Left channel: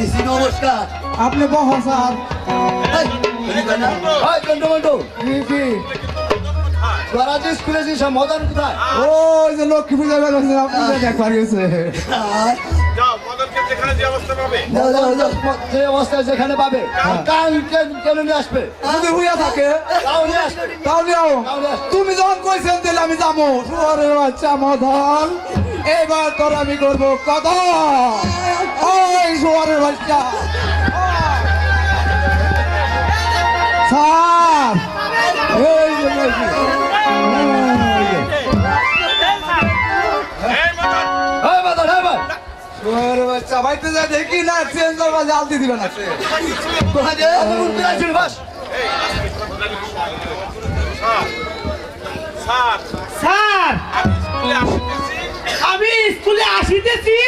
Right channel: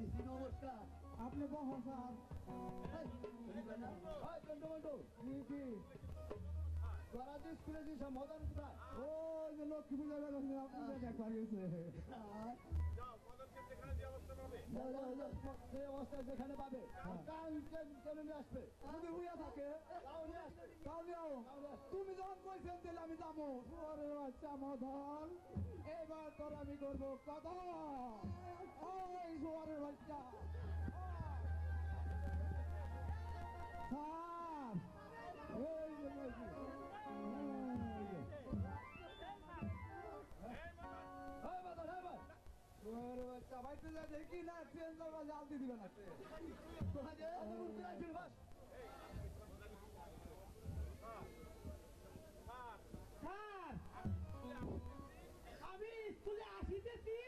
দিছি নমস্কার। আপনি বহন স্যার। কি তোরা যে স্কুলে যে সব মদন কোথায়? ওই যে লক্ষ্মী পূজা বেরোচ্ছে আপনি দেখবার গেছে। যে অবস্থায় যেখানে পাবে কেন নিয়ে আসবে? যদি হইয়া থাকে তাহলে তুমি যখন কইছেন তাহলে আমি যাবো। শুয়ারের বাচ্চা মদন, এবার তোর আমি করবো কথা। ওই শুয়ারের বাচ্চা স্যার, এই যে শুয়ারের বাচ্চা বাইতে যা দেখি না চেঞ্জ জাল দিয়ে দিবেন আছে। স্যার আমি স্কুলে আসিতেছি,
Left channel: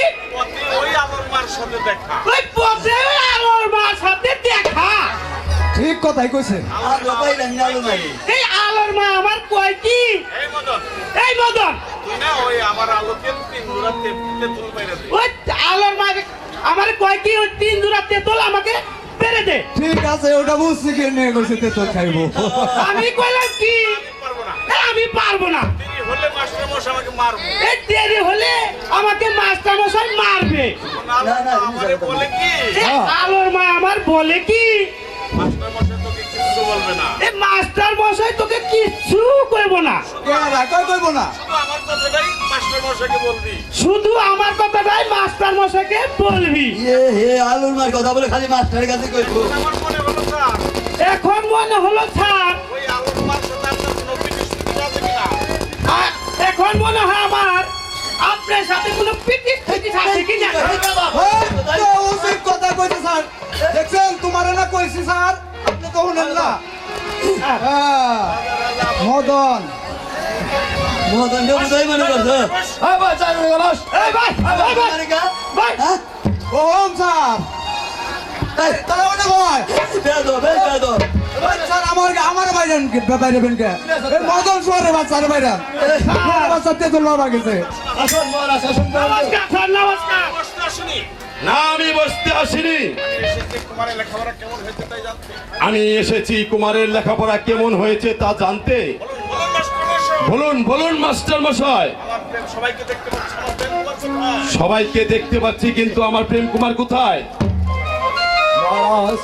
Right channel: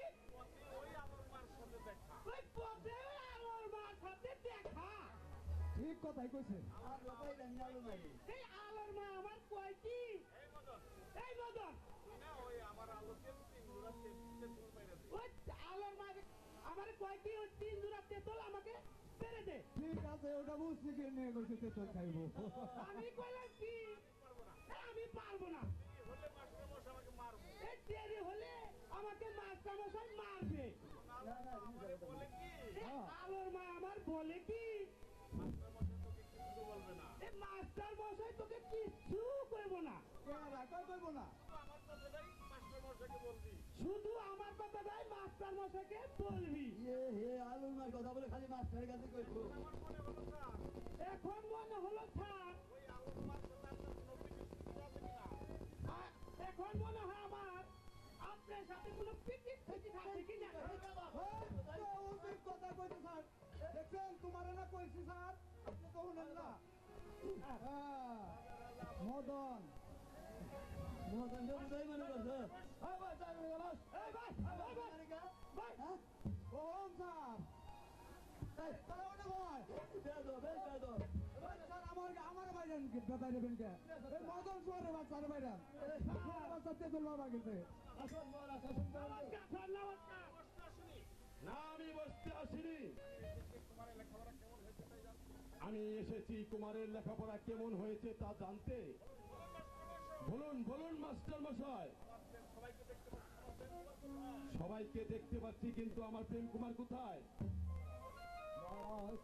ওই আমার মার সাথে দেখা। ওই পথে আমার মার সাথে দেখা। ঠিক কথাই কইছে। এই আলোর মা আমার কয় কি, এই মদন, এই মদন তুই না ওই আমার আলোকে তিন দূরাতে তেতুল বাইরে দে। ওই আলোর মা আমার কয় কি ওই 3 জোড়া তেতল আমাকে পেরে দে। ঠিক আছে, ওটা বুঝছি কি নিয়ে কইছে তেতল খাইবো। আমি কইলাম কি পারবো না। আমি পারবো না। দেরি হলে মাস্টার মশাই আমাকে মারবে। এই দেরি হলে আমাকে মাস্টার মশাই মারবে। আমারে বলে কি এই আলোর মা আমার বলে কি মাস্টার মশাই তোকে কিছু বলবে না। এই মাস্টার মশাই তোকে কিচ্ছু কইব না। কইবো না। শুধু আমার কথাটাই মাস্টার মশাইকে বলবি। শুধু আমার কথাটাই মাস্টার মশাইকে বলবি। হে আলুর মার কথা বলে খালি মাস্টারের কাছে কইবো। আমার মনে হলো স্যার, এখন মনে হলো স্যার, ওই আলোর মার সাথে আপনার কোনো বিনিষ্ঠিত আছে কিনা? এখন মনে হয় আমার আপনার সাথে কোনো পিটিস ফিটিস আছে কি না। উচিত কথা কইছে স্যার। দেখছেন তোমারে না কইছি স্যার, আপনি তো শুনেন না। মদন মদন বুঝাই মনে করছো? এই ভাই, এই ভাই, ভাই ওম স্যার, তাহলে ওটা কয় স্যার আমার বাইরেন বাইরেবেন কে? এই মদন শুয়ারের বাচ্চার বাইরেন বাচ্চা তেতুল বাবা গেছে। আসুন মহারাজ, আসুন। নমস্কার স্যার, নমস্কার। প্রশ্ন আসেনি। না, আমি বসতে আসিনি। এসেছে কুমারের লেখাপড়া কেমন হয়েছে তাই জানতে। আমি এসেছি কুমারের লেখাপড়া কেমন হয়েছে তা জানতে। বলুন মাস্টার মশাই। বলুন বলুন মাস্টার মশাই। আমার প্রেম সবাইকে দেখতে পাচ্ছি, আমার প্রেম কোথায়? সবাইকে দেখতে পাচ্ছি কিন্তু আমার প্রেম কুমার কোথায়? মহারাজ,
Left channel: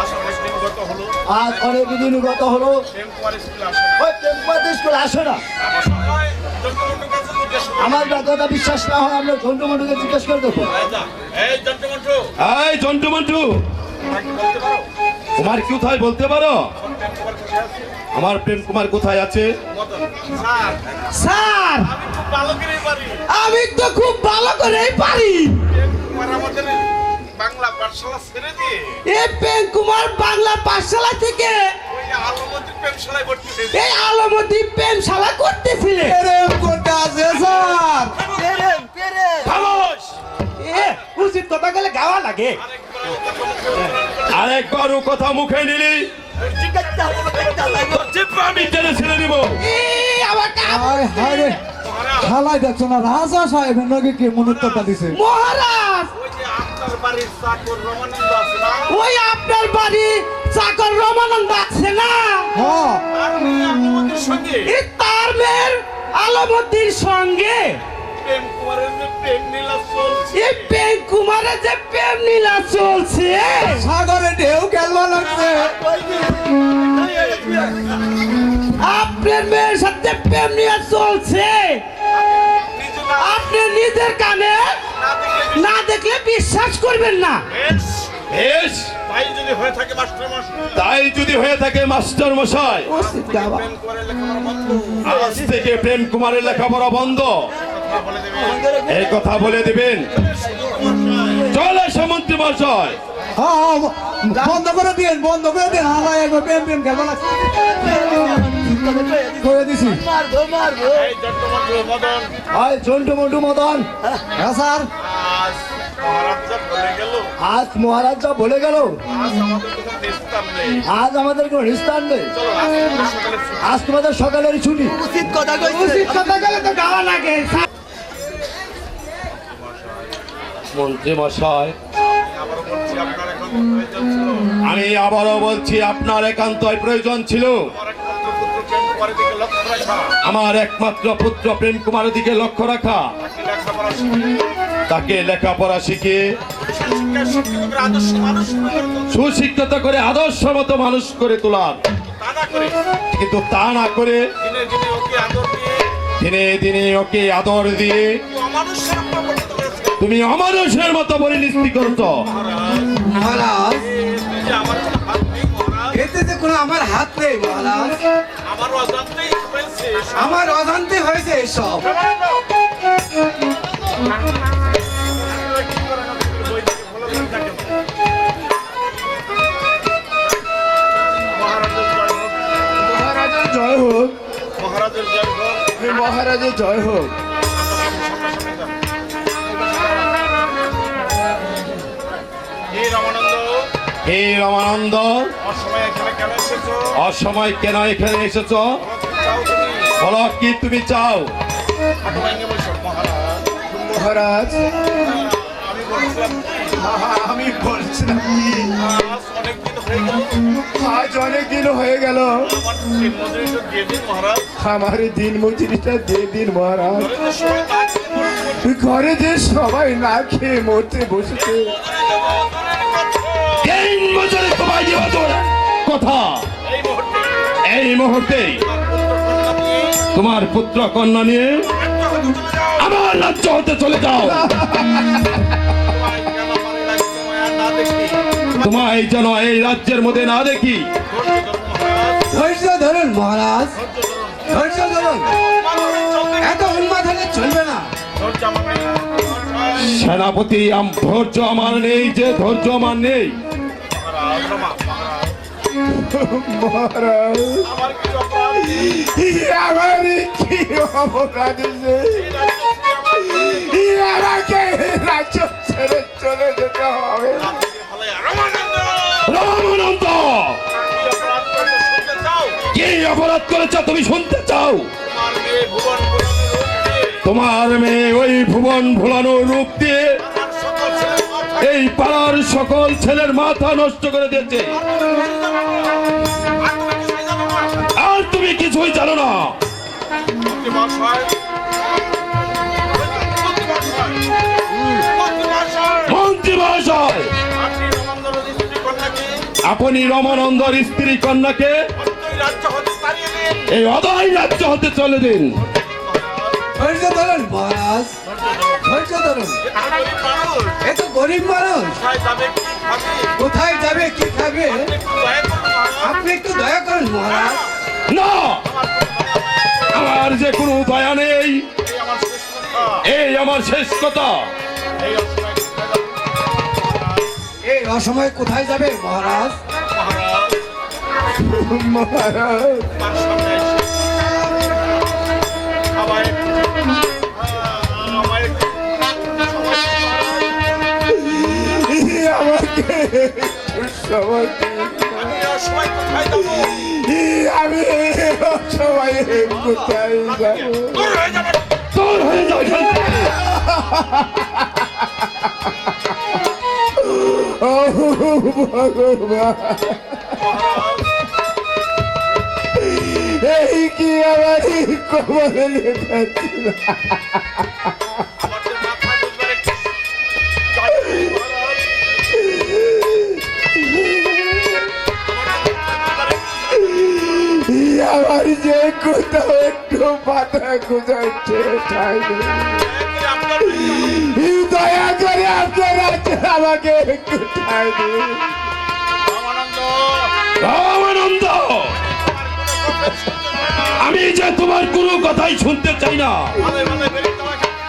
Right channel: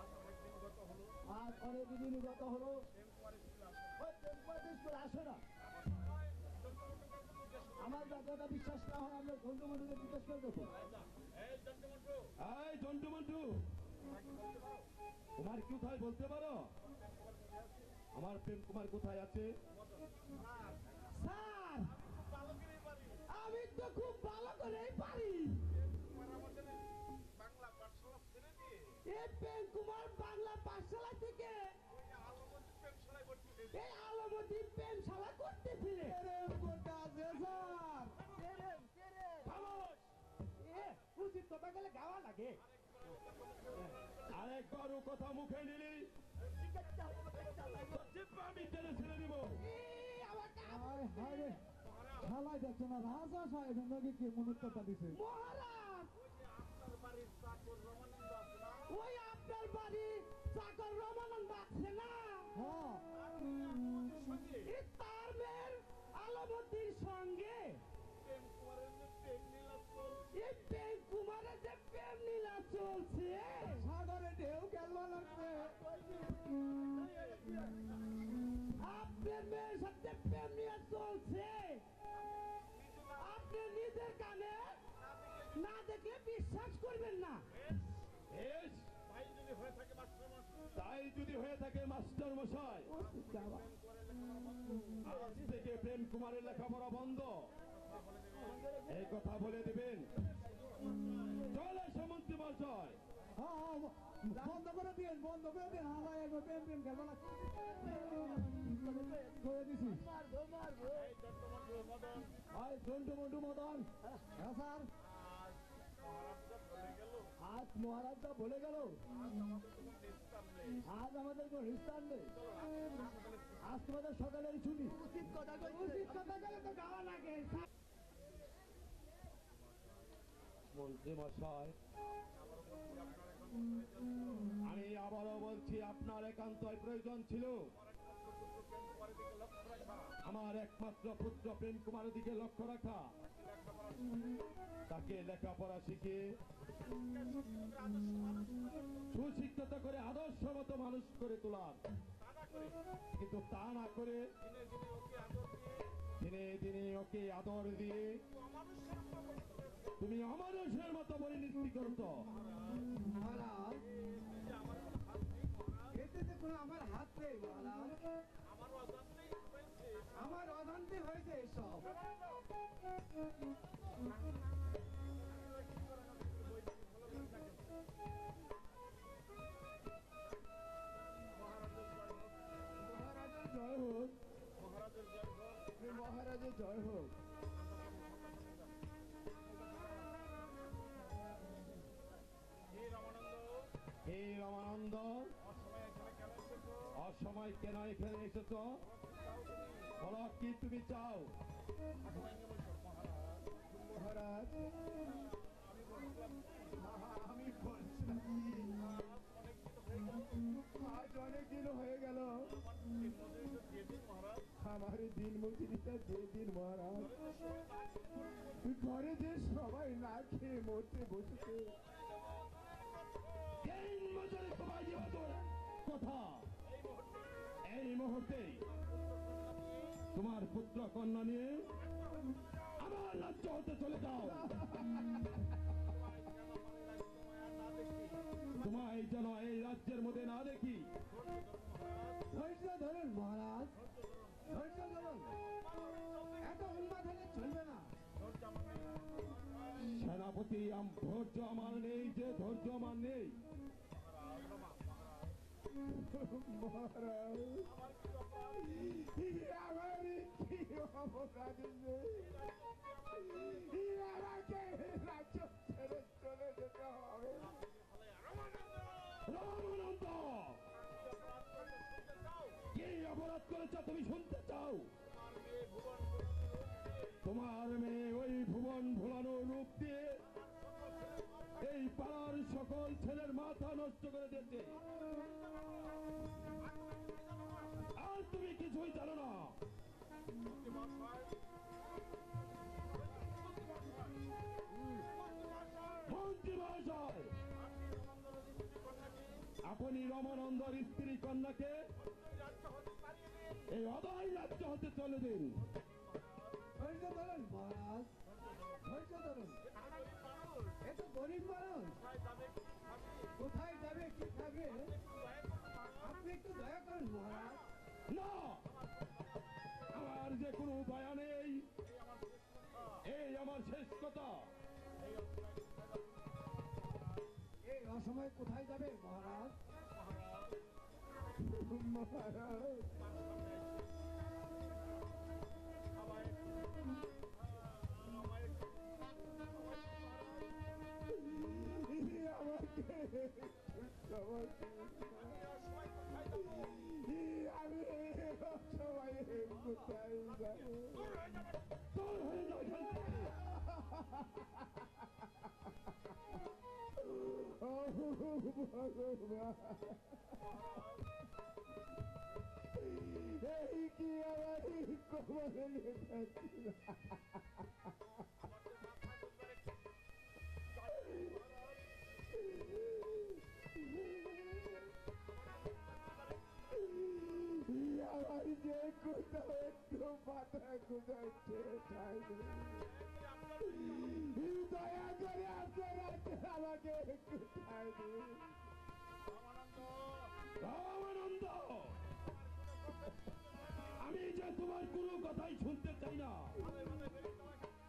আজ অনেক দিন গত হলো, আজ অনেক দিন গত হলো, প্রেম কুমার স্কুলে আসে না। ওই টেম্পার স্কুল আসে না। আমার সময় জন্টুমন্টুর কাছে জিজ্ঞেস করো। আমার কথা বিশ্বাস না হয় আমরা ঝন্টু মন্টুকে জিজ্ঞেস করে দেখো। এই জন্টুমন্টু, এই জন্টু মন্টু, তোমরা কি বলতে পারো কুমার কোথায় বলতে পারো? আমার প্রেম কুমার কোথায় আছে? আমার প্রেম কুমার কোথায় আছে? মদন, স্যার, স্যার আমি খুব ভালো করেই পারি। আমি তো খুব ভালো করেই পারি। প্রেম কুমার আমাদের বাংলা পাঠশালা ছেড়ে দিয়ে এই প্রেম কুমার বাংলা পাঠশালা থেকে ওই আলমতির প্রেমশালায় ভর্তি হয়েছে। এই আলমতি প্রেমশালা করতেছিলে। প্রেম করতে আছে স্যার। খামোশ! এ উচিত কথা গেলে গাওয়া লাগে। আরেকবার ও কথা মুখে নিলি জিব্বা আমি টেনে ছেড়ে দিব। এই আমার কাম হায় হায় রে, খালাই দেখছো না রাজা সাহেবের নাকি কে মনুত্বটা দিছে। মহারাজ, ওই যে আপনার বাড়ির চাকর রমানন্দ আছে না, ওই আপনার বাড়ি চাকর রমানন্দ আছে না, হ্যাঁ তার মেয়ে আলমতির সঙ্গে এই তার মেয়ের আলমতির সঙ্গে প্রেম কুমারের যে প্রেম নীলা চলছে। এই প্রেম কুমারের যে প্রেম নীলা চলছে, সাগরে ঢেউ খেলবা লাগছে। আপনার মেয়ের সাথে প্রেম নীলা চলছে, নিজে না আপনি নিজের কানে না দেখলে বিশ্বাস করবেন না। বেশ, বেশ, তাই যদি হয়ে থাকে মাস্টার মশাই, তাই যদি হয়ে থাকে মাস্টার মশাই, প্রেম কুমারের লেখাপড়া বন্ধ। আজ থেকে প্রেম কুমারের লেখাপড়া বন্ধ। কথা বলে দেবেন। এই কথা বলে দিবেন। চলে সমন্ত্রী মশাই। হ্যাঁ বন্ধ করে দিন, বন্ধ করে দিন। হালাই একবার প্রেম প্রেম খেলবা লাগছে। করে দিছি। এই জন্টুমন্টু মদন, হয় ঝন্টু মন্টু মদন, হ্যাঁ স্যার। আজ মহারাজ যা বলে গেল, আজ মহারাজ যা বলে গেল, আজ আমাদের কোনো নিস্তার নেই। আজ আমাদের কোনো নিস্তার নেই। চলো আজ আমাদের সকালে ছুটি। আজ তোমাদের সকালের ছুটি। উচিত কথা গেলে তো গাওয়া লাগে। মন্ত্রী মশাই, আবারও বলছি, প্রয়োজন ছিল। আমি আবারও বলছি আপনার একান্তই প্রয়োজন ছিল আমার একমাত্র পুত্র প্রেম কুমারের দিকে লক্ষ্য রাখা, আমার একমাত্র পুত্র প্রেম কুমারের দিকে লক্ষ্য রাখা, তাকে লেখাপড়া শিখিয়ে তাকে লেখাপড়া শিখিয়ে সুশিক্ষিত করে আদর্শ মানুষ করে তোলার, কিন্তু তা না করে দিনে দিনে ওকে আদর দিয়ে তুমি অমানুষের মতো পরিণতি করছো। মহারাজ আমার কোনো হাত নেই মহারাজ, এতে যে কোনো আমার হাত নেই মহারাজ, আমার অজান্তেই হয়েছে এসব। আমার অজান্তে হয়েছে এসব। মহারাজের মহারাজের জয় জয় হোক, হোক, মহারাজের জয় হোক। মহারাজের জয় হোক। হে রামানন্দ, হে রামানন্দ, অসময়ে এখানে কেন এসেছো? অসময় কেন এখানে এসেছো? চাও তুমি? বলো কি তুমি চাও? হাঁটু ভেঙে বসো মহারাজ। মহারাজ আমি আমি বলছিলাম বলছিলাম কি, আজ অনেকদিন হয়ে গেল, আজ অনেক দিন হয়ে গেল, আমার দিন মজুরিটা দিয়ে দিন মহারাজ। আমার দিন মজুরিটা দিয়ে দিন মহারাজ। ঘরে যে সবাই না খেয়ে ঘরে যে সবাই না খেয়ে মরতে মরছে, বসেছে, দিন মজুরি তোমায় দেওয়া তোর কথা এই মুহূর্তে এই মুহূর্তে তোমার পুত্র কন্যা নিয়ে আমার রাজ্য হতে চলে যাও। তোমায় যেন এই রাজ্যের মধ্যে না দেখি। ধৈর্য ধরুন মহারাজ, ধৈর্য ধরুন, এত উন্মাদ হলে চলবে না। সেনাপতি ধৈর্য আমার নেই, যে ধৈর্য আমার নেই। মহারাজ আমার কি অপরাধ হয়েছে? আমাকে রাজ্য ছেড়ে চলে যেতে হবে। রামানন্দ, কি অপরাধ করেছ তুমি শুনতে চাও? তোমার মেয়ে ওই ভুবন ভোলানোর রূপ দিয়ে এই পাড়ার সকল ছেলের মাথা নষ্ট করে দিয়েছে, আর তুমি কিছুই জানো না। মন্ত্রী মহাশয়, আপনি রমানন্দর স্ত্রী কন্যাকে এই অদয় রাজ্য হতে চলে দিন। ধৈর্য ধরুন মহারাজ, ধৈর্য ধরুন, এ তো গরিব মানুষ, কোথায় যাবে কি খাবে? আপনি একটু দয়া করুন মহারাজ। না, আমার যে কোনো দয়া নেই, এই আমার শেষ কথা। এই অসময়ে কোথায় যাবে মহারাজ? মহারাজ আমাকে একটু সময় দিন। আমি সবাই কোথায় যাবো? তোর হয়ে যাও এখান থেকে। ও ভগবান, এই কি আমার কবলে লেখাচ্ছিল? আমার যে কোথাও একটু মাথা গুজাইছে ঠাই নেই। দয়া করে আপনারা আমাকে একটু ঠাই দিন। রামানন্দ, আমি যে তোমার কোনো কথাই শুনতে চাই না।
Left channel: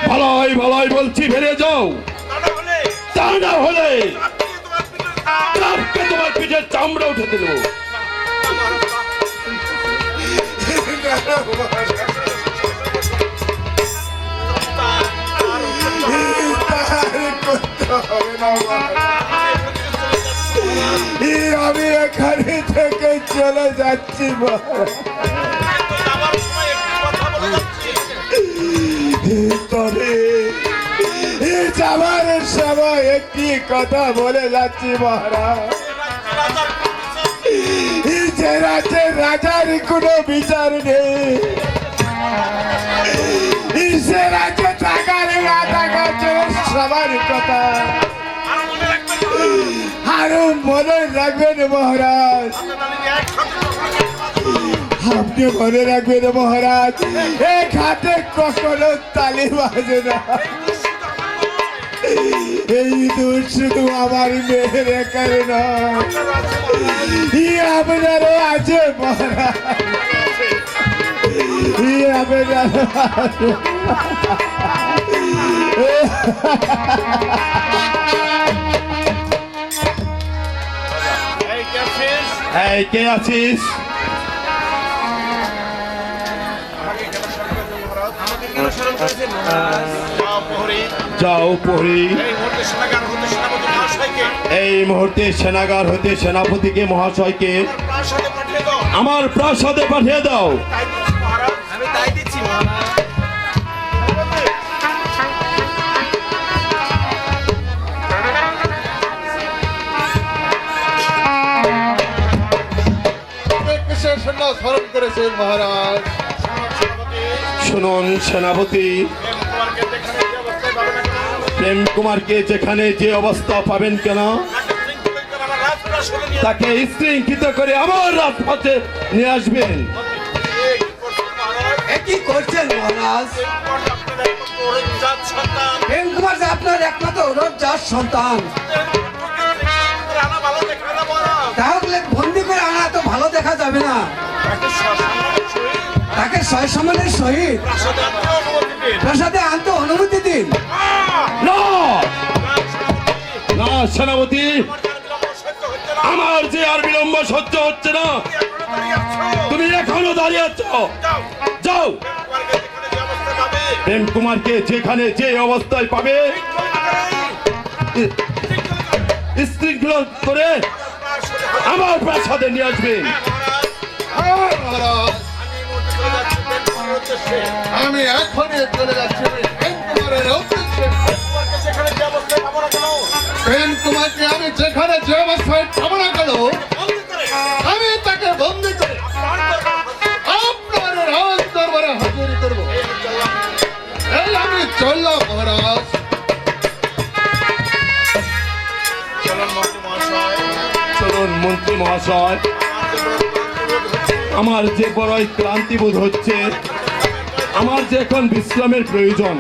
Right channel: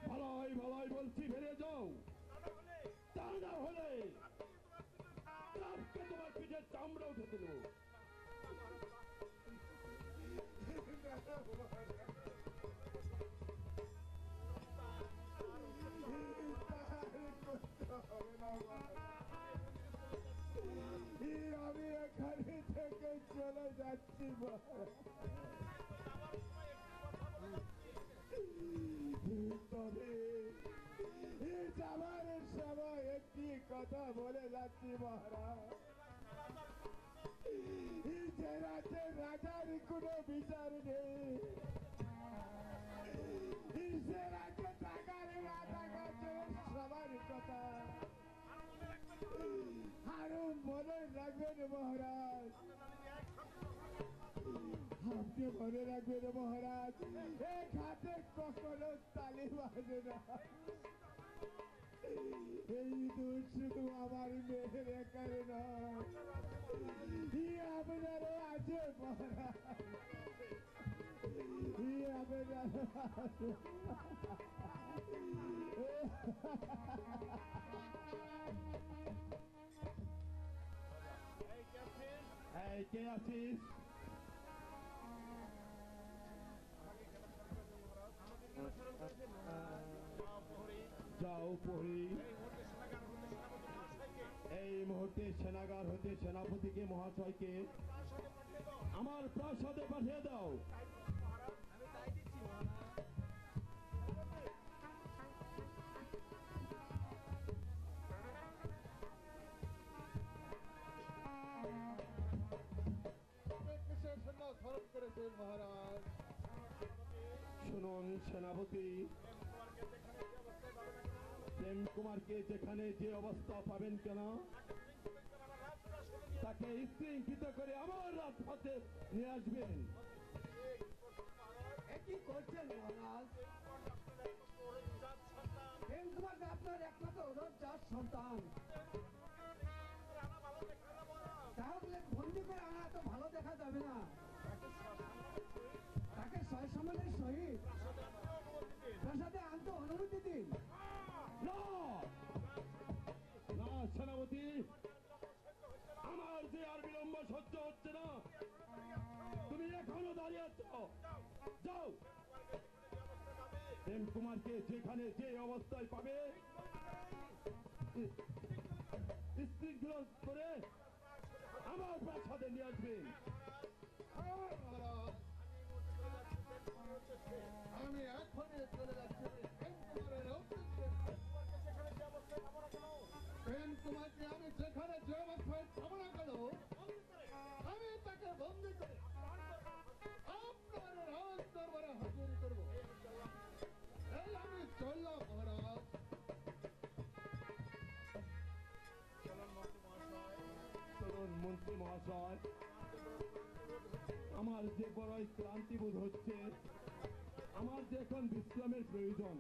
ভালোই ভালোই বলছি, বেরিয়ে যাও, তা না হলে কাপকে তোমার পিঠের চামড়া উঠে দেব। আমি এখানে থেকে চলে যাচ্ছি তবে যাবার সময় একটি কথা বলে যাচ্ছি মহারাজ, যে রাজ্যে রাজার কোনো বিচার নেই, সে রাজ্যে থাকার না থাকার সবার কথা আরো মনে রাখবেন মহারাজ। আপনি মনে রাখবেন মহারাজ, এক হাতে কখনো তালি বাজে না। এই দোষ শুধু আমার মেয়ের একার নয়, আপনারও আছে মহারাজ, আপনারও আছে। এই কে আছিস? যাও প্রহরী, এই মুহূর্তে সেনাগার হতে সেনাপতিকে মহাশয়কে আমার প্রাসাদে পাঠিয়ে দাও। আমি তাই দিচ্ছি মহারাজ। কিসের সৈন্য স্মরণ করেছেন মহারাজ? শুনুন সেনাপতি, প্রেম কুমারকে যেখানে যে অবস্থা পাবেন কেন, তাকে শৃঙ্খলিত করে আমার রাজপথে নিয়ে আসবেন। কি করছেন মহারাজ? প্রেম কুমার যে আপনার একমাত্র রোজগার সন্তান, তাহলে বন্দি করে আনা তো ভালো দেখা যাবে না। তাকে সসম্মানের সহিত প্রাসাদে আনতে অনুমতি দিন। না না সেনাপতি, আমার যে আর বিলম্ব সহ্য হচ্ছে না, তুমি এখনো দাঁড়িয়ে আছো। যাও, প্রেম কুমারকে যেখানে যে অবস্থায় পাবে শৃঙ্খলা করে আমার প্রাসাদে নিয়ে আসবেন। আমি এখনই চলে যাচ্ছি প্রেম কুমারের উদ্দেশ্যে। প্রেম কুমারকে আমি যেখানে যে অবস্থায় পাবো না কেন, আমি তাকে বন্দি করে আপনার রাজ দরবারে হাজির করবো। এই আমি চললাম মহারাজ। চলুন মন্ত্রী মহাশয়, আমার যে বড়ই ক্লান্তি বোধ হচ্ছে, আমার যে এখন বিশ্রামের প্রয়োজন।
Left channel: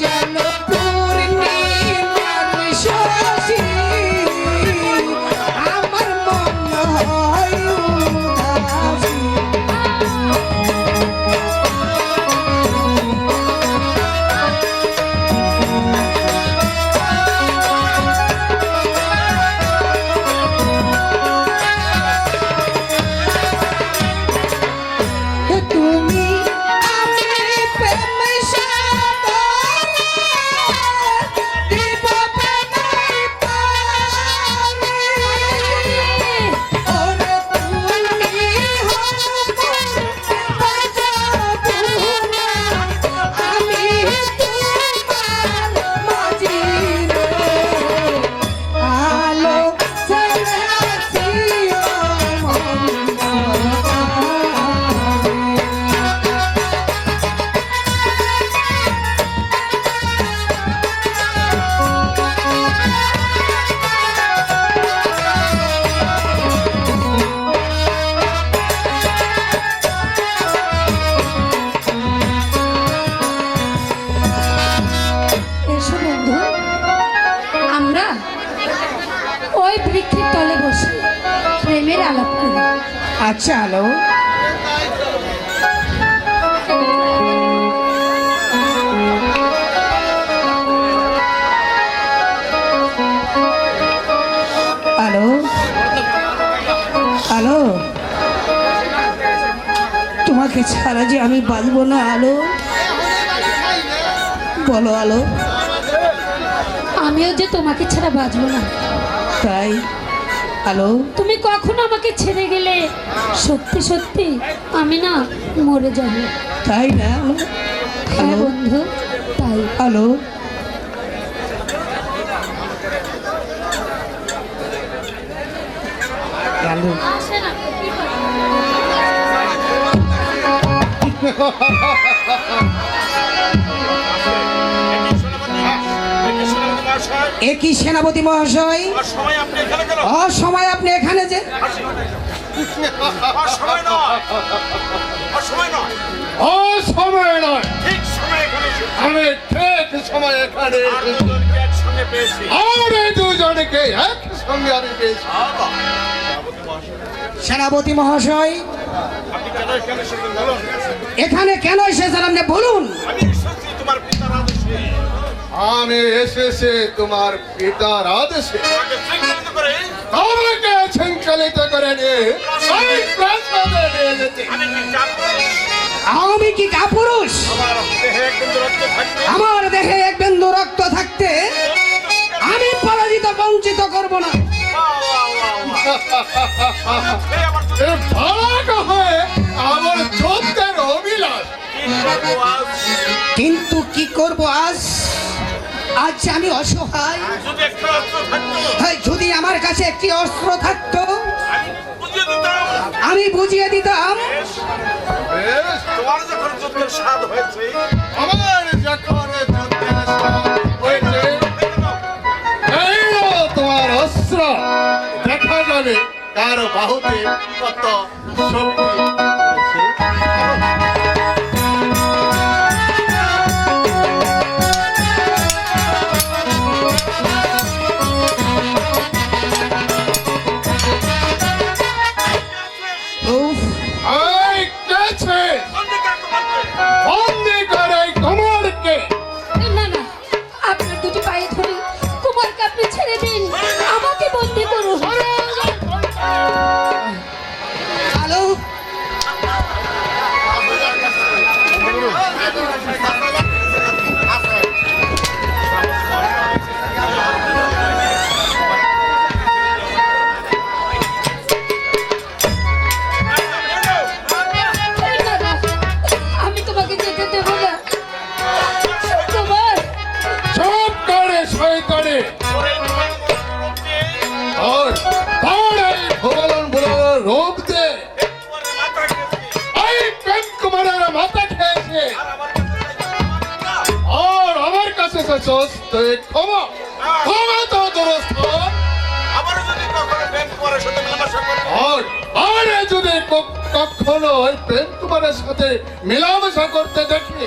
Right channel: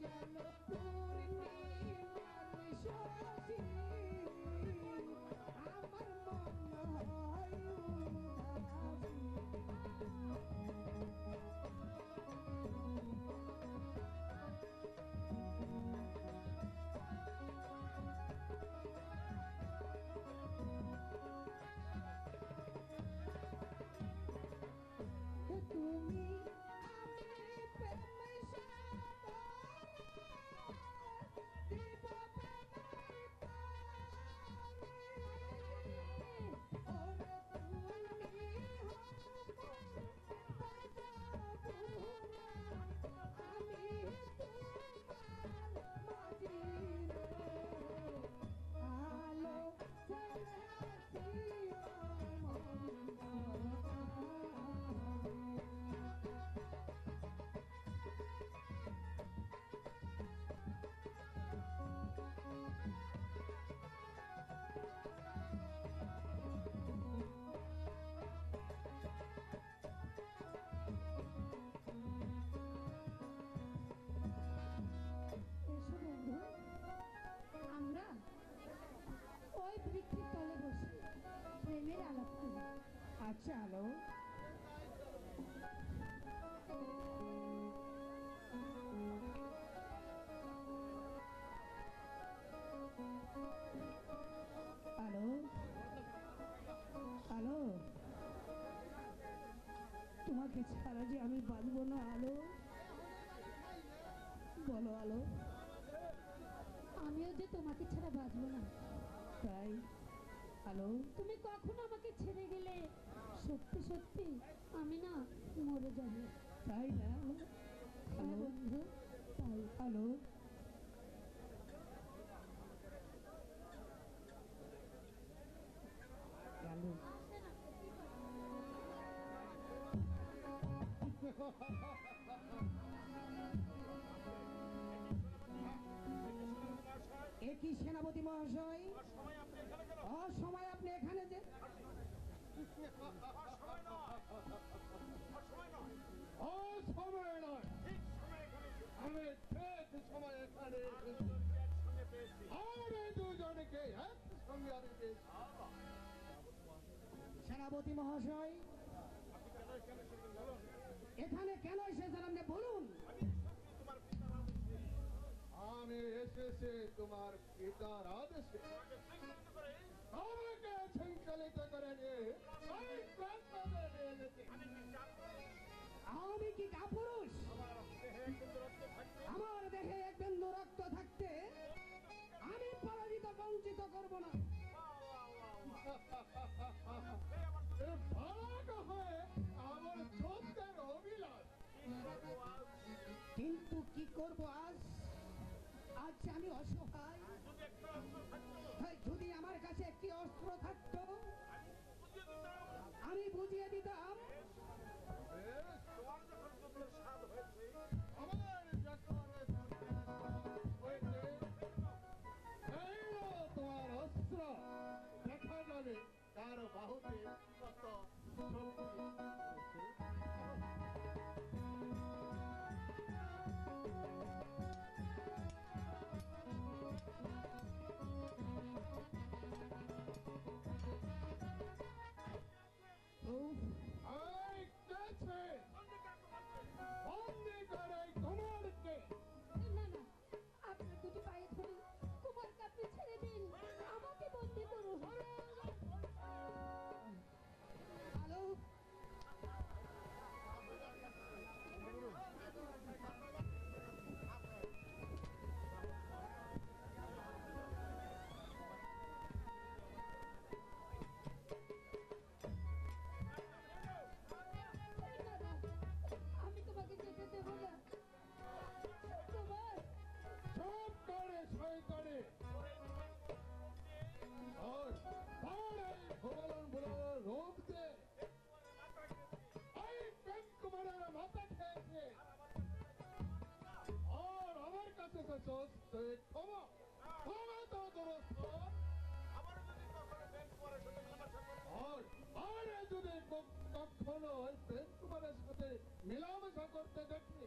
যেন পূর্ণিমার শশী, আমার মন হয় উদাসী। তুমি আমি প্রেম সাগরে, দিব প্রেমের পানি। ওরে তুমি আমি তোমার মাঝি রে, আলো ছেড়ে আছি মন। এসো বন্ধু, আমরা ওই বৃক্ষের তলে বসে প্রেমের আলাপ করি। আচ্ছা আলো, আলো, আলো, তোমাকে ছাড়া যে আমি বাঁচবো না আলো। বলো আলো। আমিও যে তোমাকে ছাড়া বাঁচবো না। তাই আলো, তুমি কখনো আমাকে ছেড়ে গেলে সত্যি সত্যি আমি না মরে যাব। তাই না আলো? হ্যাঁ আলো, বন্ধু, তাই। আলো, আলো, একই সেনাপতি মহাশয়, অসময় আপনি এখানে যে ও সময় নয়, আমি ঠিক সময় এখানে এসেছি। আর এই দুজনকে একসঙ্গে আমি পেয়েছি। সেনাপতি মহাশয় এখানে কেন এসেছেন আপনি বলুন। আমি এসেছি তোমার পিতার আদেশে, আমাকে শৃঙ্খলিত করে নিয়ে এই প্রাসাদে নিয়ে যেতে। আমি কি কাপুরুষ? আমার দেহে এক বিন্দু রক্ত থাকতে আমি পরাজিত বঞ্চিত করব না। এ ভাগ হয়ে আমার যুদ্ধের অভিলাষ, কিন্তু কি করব আজ? আজ আমি অসহায়। হ্যাঁ, যদি আমার কাছে একটি অস্ত্র থাকতো আমি বুঝিয়ে দিতাম। বেশ, আমার যখন যুদ্ধের স্বাদ হয়েছে, এই নাও তোমার অস্ত্র। দেখা যাবে কার বাহুতে কত শক্তি রয়েছে। উফ, এই গেছে বন্দি করে কুমারকে। না না, আপনার দুটি পায়ে ধরে কুমারকে আপনি ছেড়ে দিন, আমাকে বন্দি করুন। আলো, না, না, আমি তোমাকে যেতে দেবো না। কুমার, চুপ করে শয়তানে। আর তার এই ভুবন রূপ দে এই প্রেম কুমারের মাথা খেয়েছে। আর আমার কাছে এসেছস তুই ক্ষমা, ক্ষমা তো দুরস্থান। আর যদি কখনো ওই প্রেম কুমারের সাথে মেলামেশা করতে দেখি,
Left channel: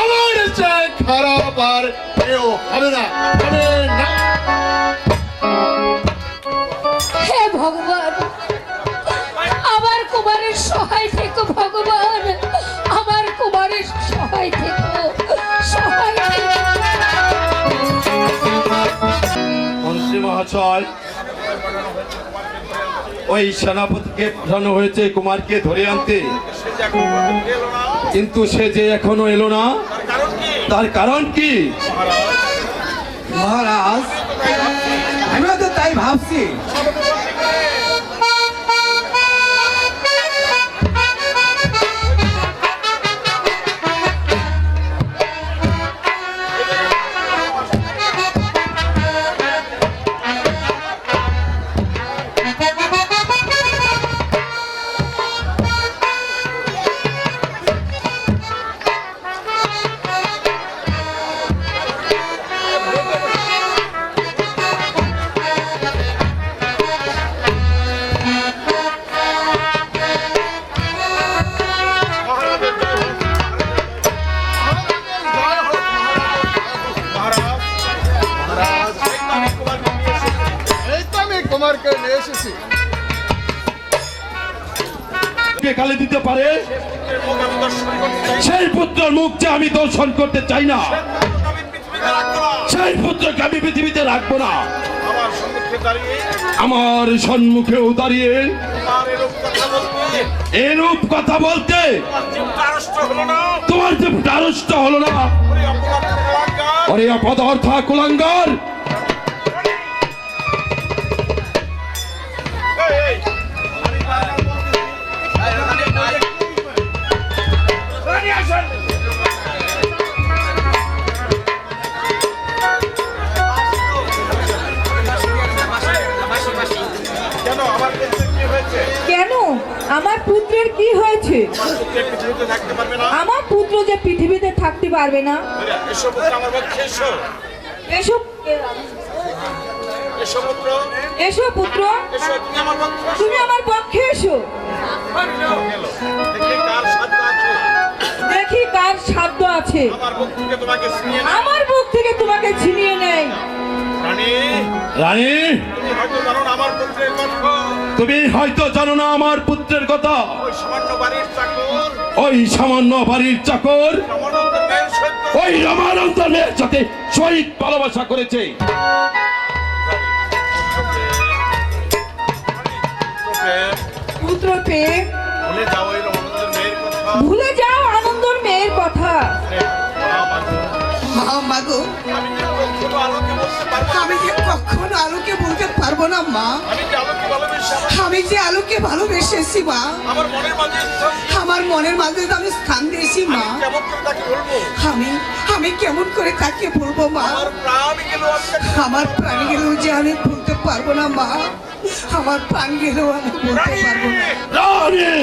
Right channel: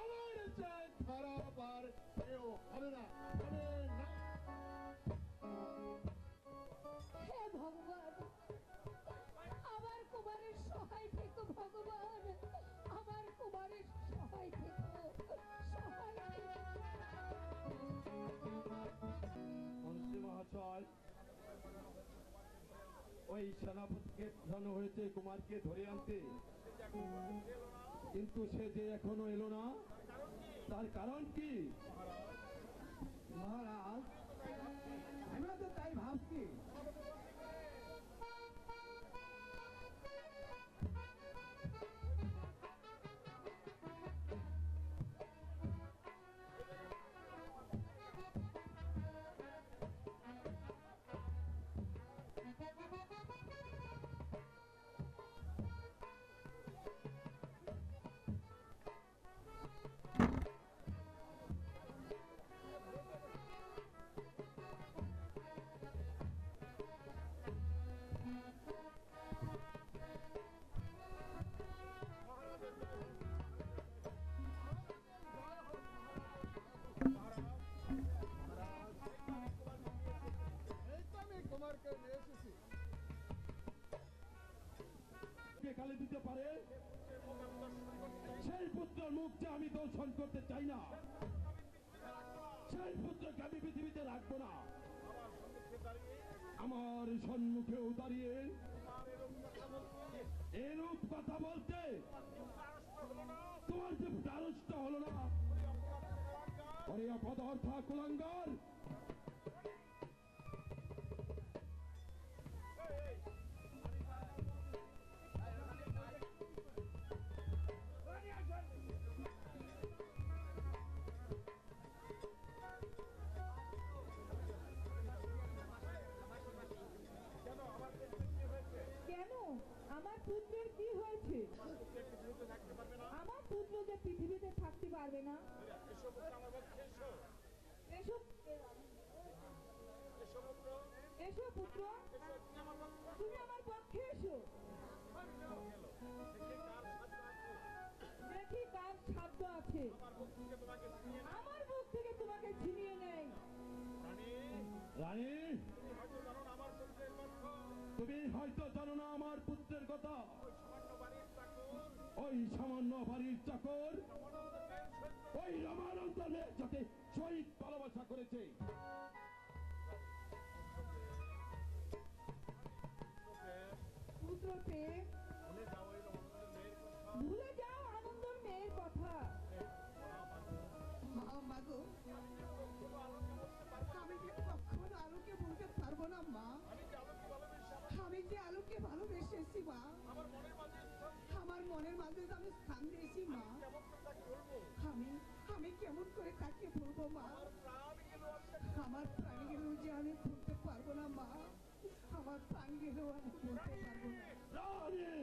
আমার খারাপ আর কেউ হবে না, হবে না। হে ভগবান, আমার কুমারের সহায় থেকো ভগবান, আমার কুমারের সহায় থেকো, সহায় থেকো। মন্ত্রী মহাশয়, ওই সেনাপতিকে পাঠানো হয়েছে কুমারকে ধরে আনতে, কিন্তু সে যে এখনো এলো না, তার কারণ কি? মহারাজ, আমিও তো তাই ভাবছি। এই তো আমি কুমারকে নিয়ে এসেছি। কে গালি দিতে পারে? সেই পুত্রের মুখ যে আমি দর্শন করতে চাই না, সেই পুত্রকে আমি পৃথিবীতে রাখবো না। আমার সম্মুখেও দাঁড়িয়ে এরূপ কথা বলতে তোমার যে দ্বারস্থ হলো না? অরে অপদার্থ কুলাঙ্গার, কেন আমার পুত্রের কি হয়েছে? আমার পুত্র যে পৃথিবীতে থাকতে পারবে না। এসো এসো পুত্র, তুমি আমার পক্ষে এসো, দেখি কার সাধ্য আছে আমার বুক থেকে তোমাকে ছিনিয়ে নেয়। রানী, তুমি হয়তো জানো না আমার পুত্রের কথা। ওই সামান্য বাড়ির চাকর ওই রামানন্দ মেয়ের সাথে শহীদ ভালোবাসা করেছে। পুত্র পেয়ে ভুলে যাও আনন্দর মেয়ের কথা। মা গো, আমি যে কখনো আলোকে বলতে পারবো না মা। আমি যে আলোকে ভালোবেসেছি মা, আমার মনের মাঝে আমি স্থান দিয়েছি মা। আমি কেমন করে তাকে বলবো মা? আমার প্রাণ গেলেও যে আমি বলতে পারবো না মা, আমার প্রাণ গেলেও আমি বলতে পারবো না। রানী,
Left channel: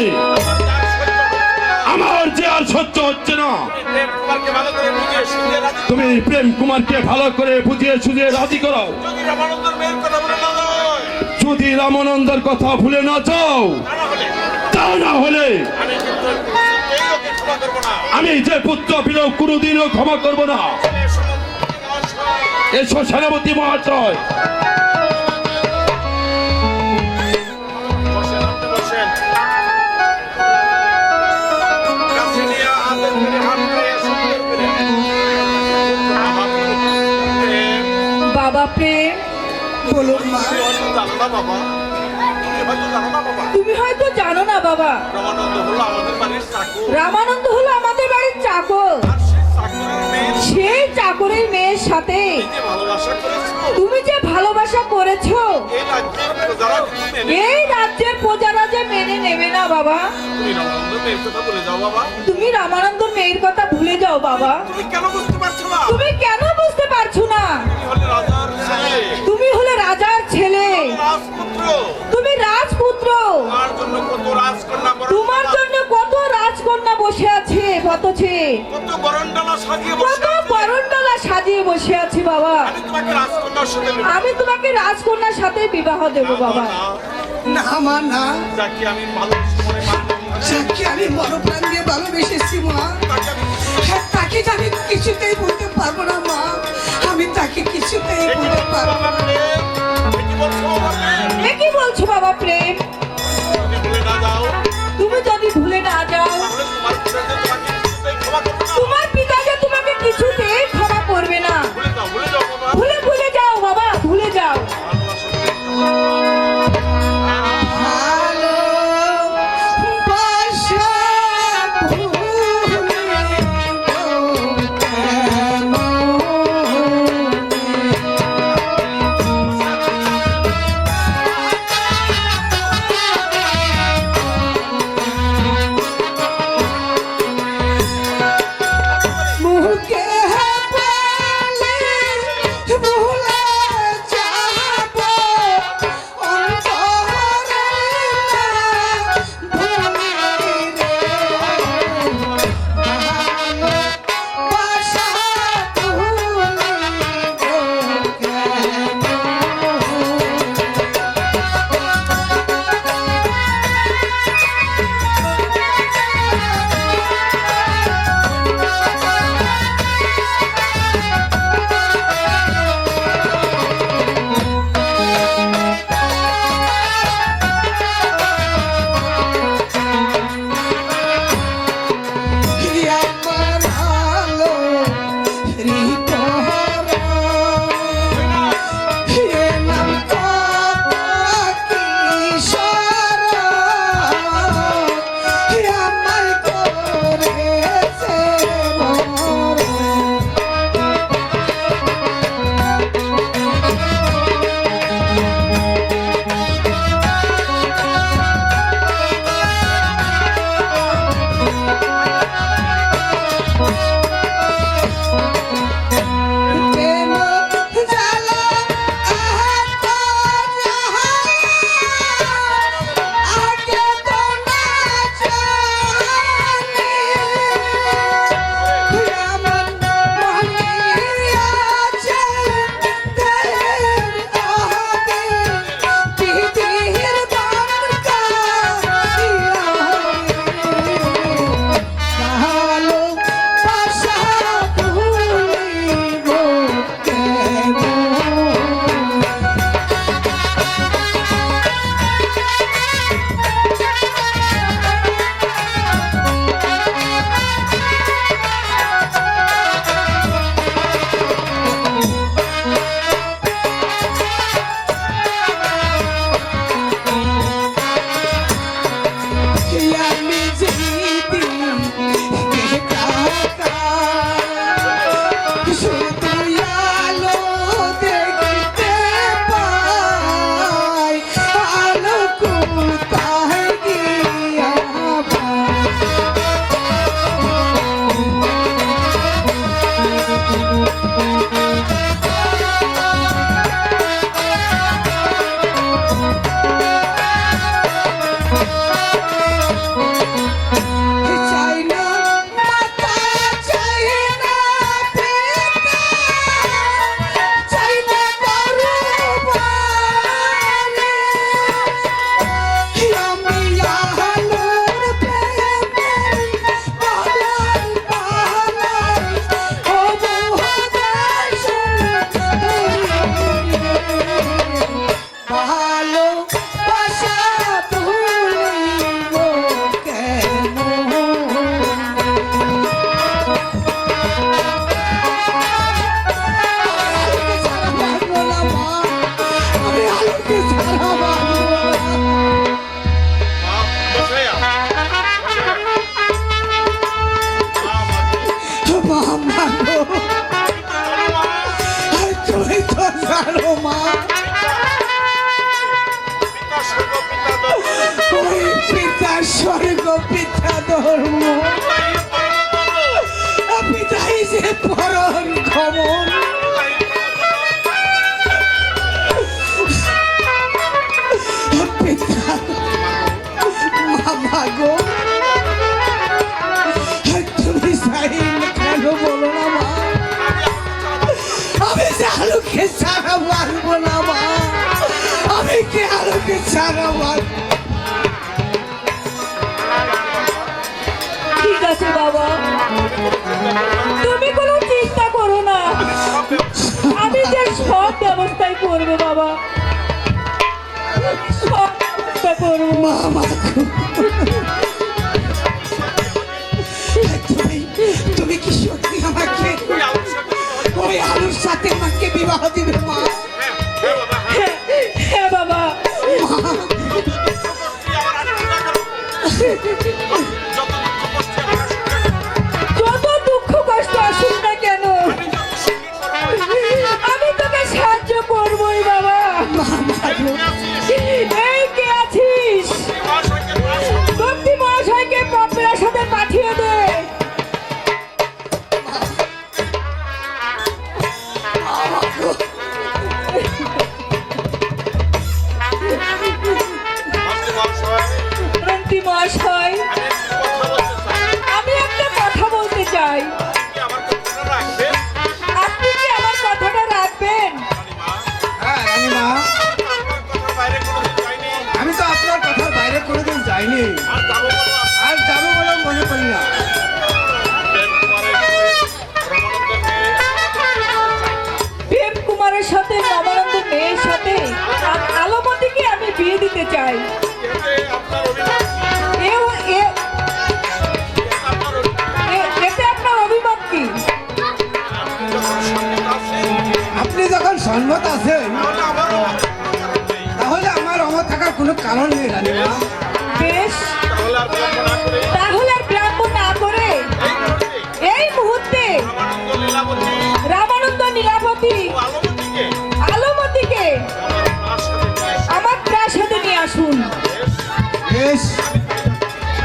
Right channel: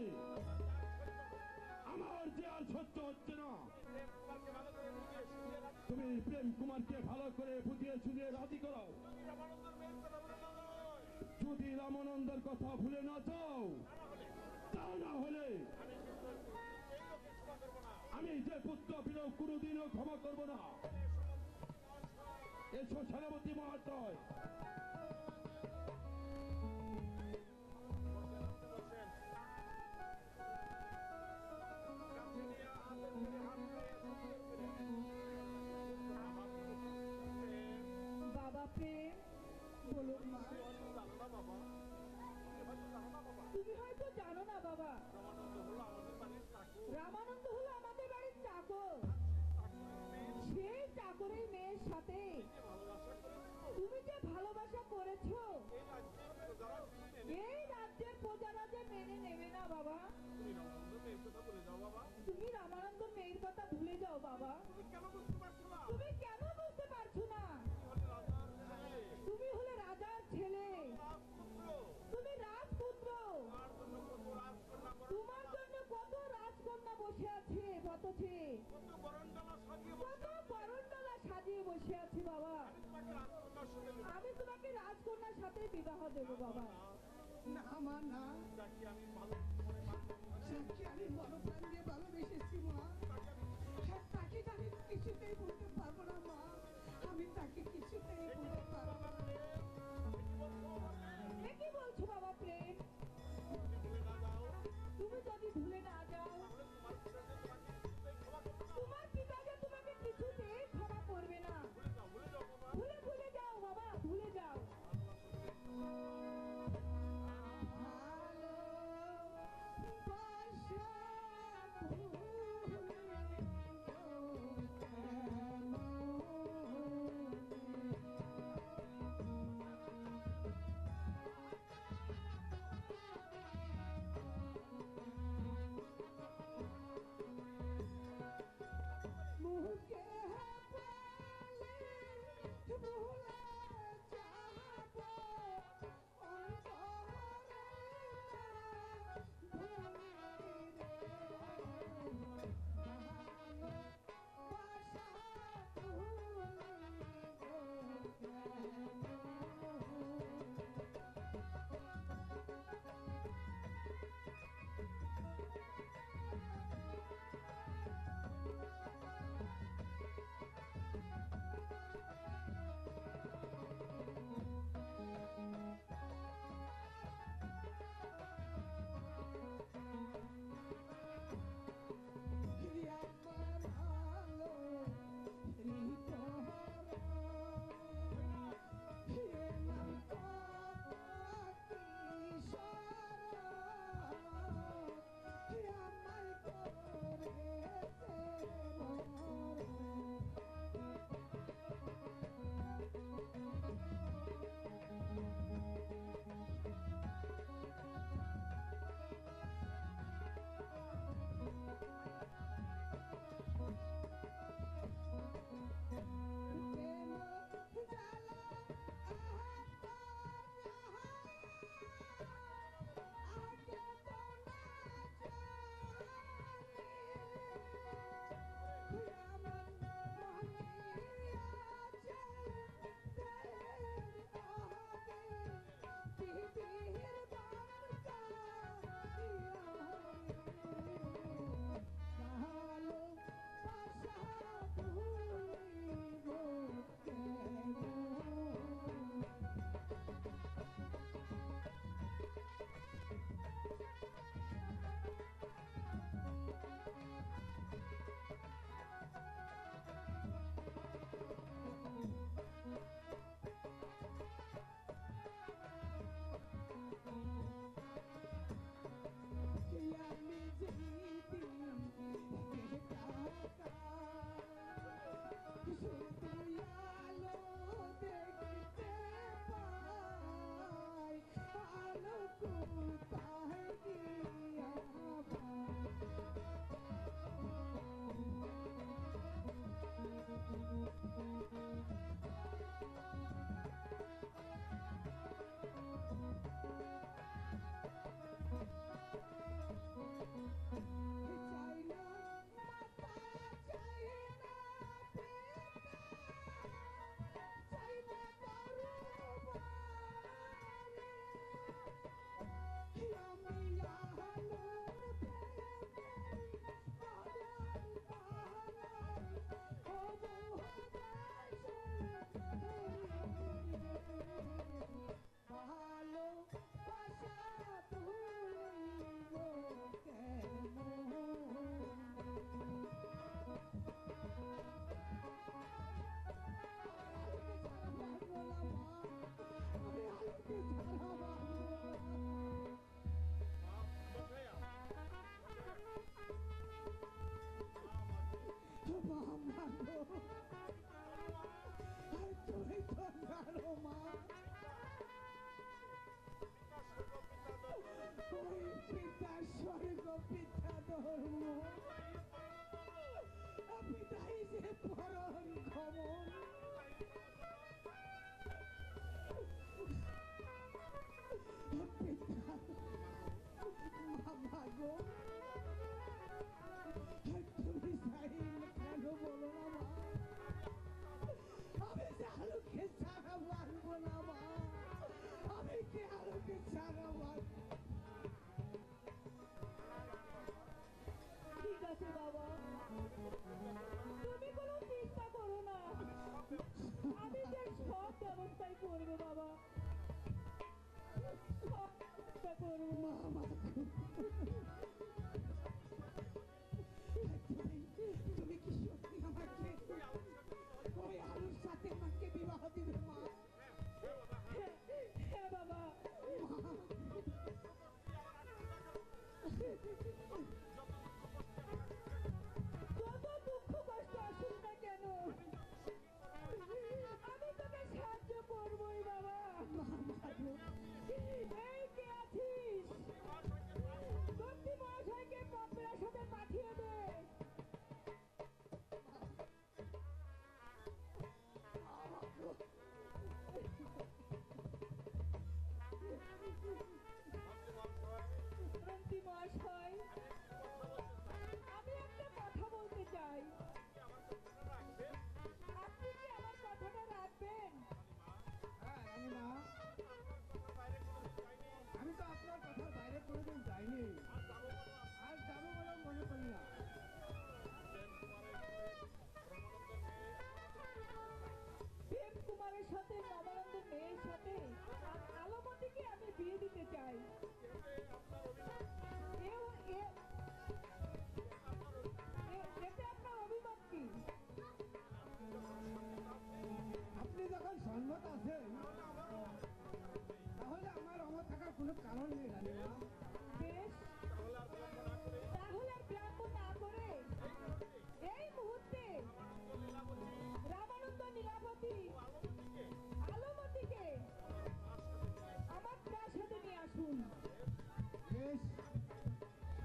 আমার যে আর সহ্য হচ্ছে না। তুমি প্রেম কুমারকে ভালো করে বুঝিয়ে সুঝিয়ে রাজি করো। যদি রামানন্দের কথা ভুলে না যাও, তা না হলে আমি যে পুত্র বিলোপ কোনোদিনও ক্ষমা করব না। এসো সেনাপতি মহাশয়। বাবা প্রেম, বলুন মা। তুমি হয়তো জানো না বাবা, রামানন্দ হলো আমাদের বাড়ির চাকর। সেই চাকরের মেয়ের সাথে তুমি যে ভালোবাসা করেছো, এই রাজ্যের প্রজারা যে মেনে নেবে না বাবা। তুমি রামানন্দ মেয়ের কথা ভুলে যাও বাবা। তুমি কেন বুঝতে পারছো না? তুমি হলে রাজার ছেলে, তুমি রাজপুত্র। তোমার জন্য কত রাজকন্যা বসে আছে, পথে কত বরণডালা সাজিয়ে বসে আছি বাবা। আমি তোমাকে রাজকন্যার সাথে বিবাহ দেব বাবা। না মা না, যাকে আমি মনপ্রাণ দিয়ে ভালোবেসেছি মা, তাকে আমি কিছুতেই বলতে পারবো না। এ কি বলছো বাবা প্রেম? তুমি যদি ভুলে না যাও, তোমার পিতা যে তোমাকে কিছুতেই ক্ষমা করবে না। ভুলে যাও বাবা, ভুলে যাও। ভালোবাসা ভুলে মুখে বলে ভুলে যাব অন্তরে ভুলে রে ভালোবাসা ভুলে আমার আলো রিপোরা হে নাম কিশোর হে আমার করেছে মরণ প্রেম জ্বালা আহত জাহান আগে তো না জানি আমার মনে আছে দেহের আহাতে পৃথিবীর ভালোবাসা ভুলিব কেমন আমি জিদি শুধু আলো দেখতে পাই আলো কোথায় গিয়া চাই না মাতা চাই না পিতা চাই না দরবারে আমি আলোর প্রেমে পালাই পালাই ও মহাদেশে ভালোবাসা ভুলিব কেমন আমি আলোকে ছাড়া বাঁচবো না। মা গো, তুমি তো জানো মা ওই পিতা স্বর্গ পিতা ধর্ম পিতাই যে পরম ক্ষমন পিতা মামা গো তুমি চাই কেন বলো না মা আমি যে আলোকে ছাড়া পারবো না মা আমি কি আলোকে ছাড়া পারবো ঠিক আছে বাবা, তুমি কোনো চিন্তা করো না, আমি যে সব ব্যবস্থাই মা মা তুমি কি সত্যি আমাকে ওই আলুর সাথে আমাকে বিবাহ দিবে মা? হ্যাঁ বাবা, যত দুঃখ কষ্ট আসুক না কেন আমি তোকে সাহায্য করবোই বাবা। এই কে আছিস? ভক্তি মহাশয়কে পাপড়ার সাথে পাঠিয়ে দে। ভক্তি মহাশয়, আমি একটা কথা বলতে চাই, আপনি কি আমার কথাটা রাখবেন? হ্যাঁ রানীমা, আমি তো আপনার কথার বাইরে কোনোদিন যাইনি, আর যাবো বলে মনে করি না। প্রেম কুমারের সাথে নবানন্দের মেয়ের সাথে আলোমতিকে আমি বিয়ে দিতে চাই। এতে আপনার অভিমত কি? আপনি যখন সম্মত আছেন তাহলে আমার অমত থাকার কোনো কারণ নেই রানীমা। বেশ, তাহলে আর বিলম্ব না করে এই মুহূর্তে রামানন্দ নীলাবতী আলোমতিকে আমার প্রাসাদে নিয়ে আসুন। বেশ,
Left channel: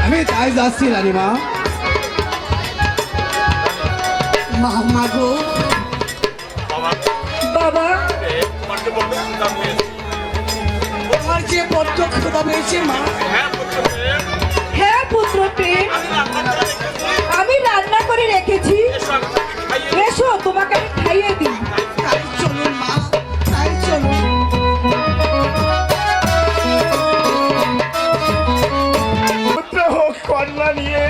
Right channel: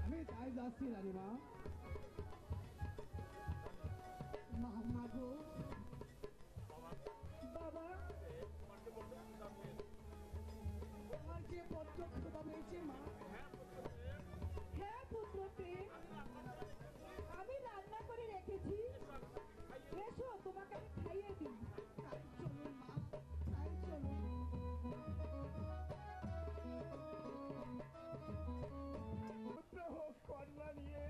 আমি তাই যাচ্ছি রানীমা। মা মা গো, বাবা, তোমার যে বড্ড ক্ষুধা পেয়েছে মা। হ্যাঁ পুত্র প্রেম, আমি রান্না করে রেখেছি, এসো তোমাকে আমি খাইয়ে দিই। তাই চলুন মা, তাই চলুন। পুত্র হোক কন্যা নিয়ে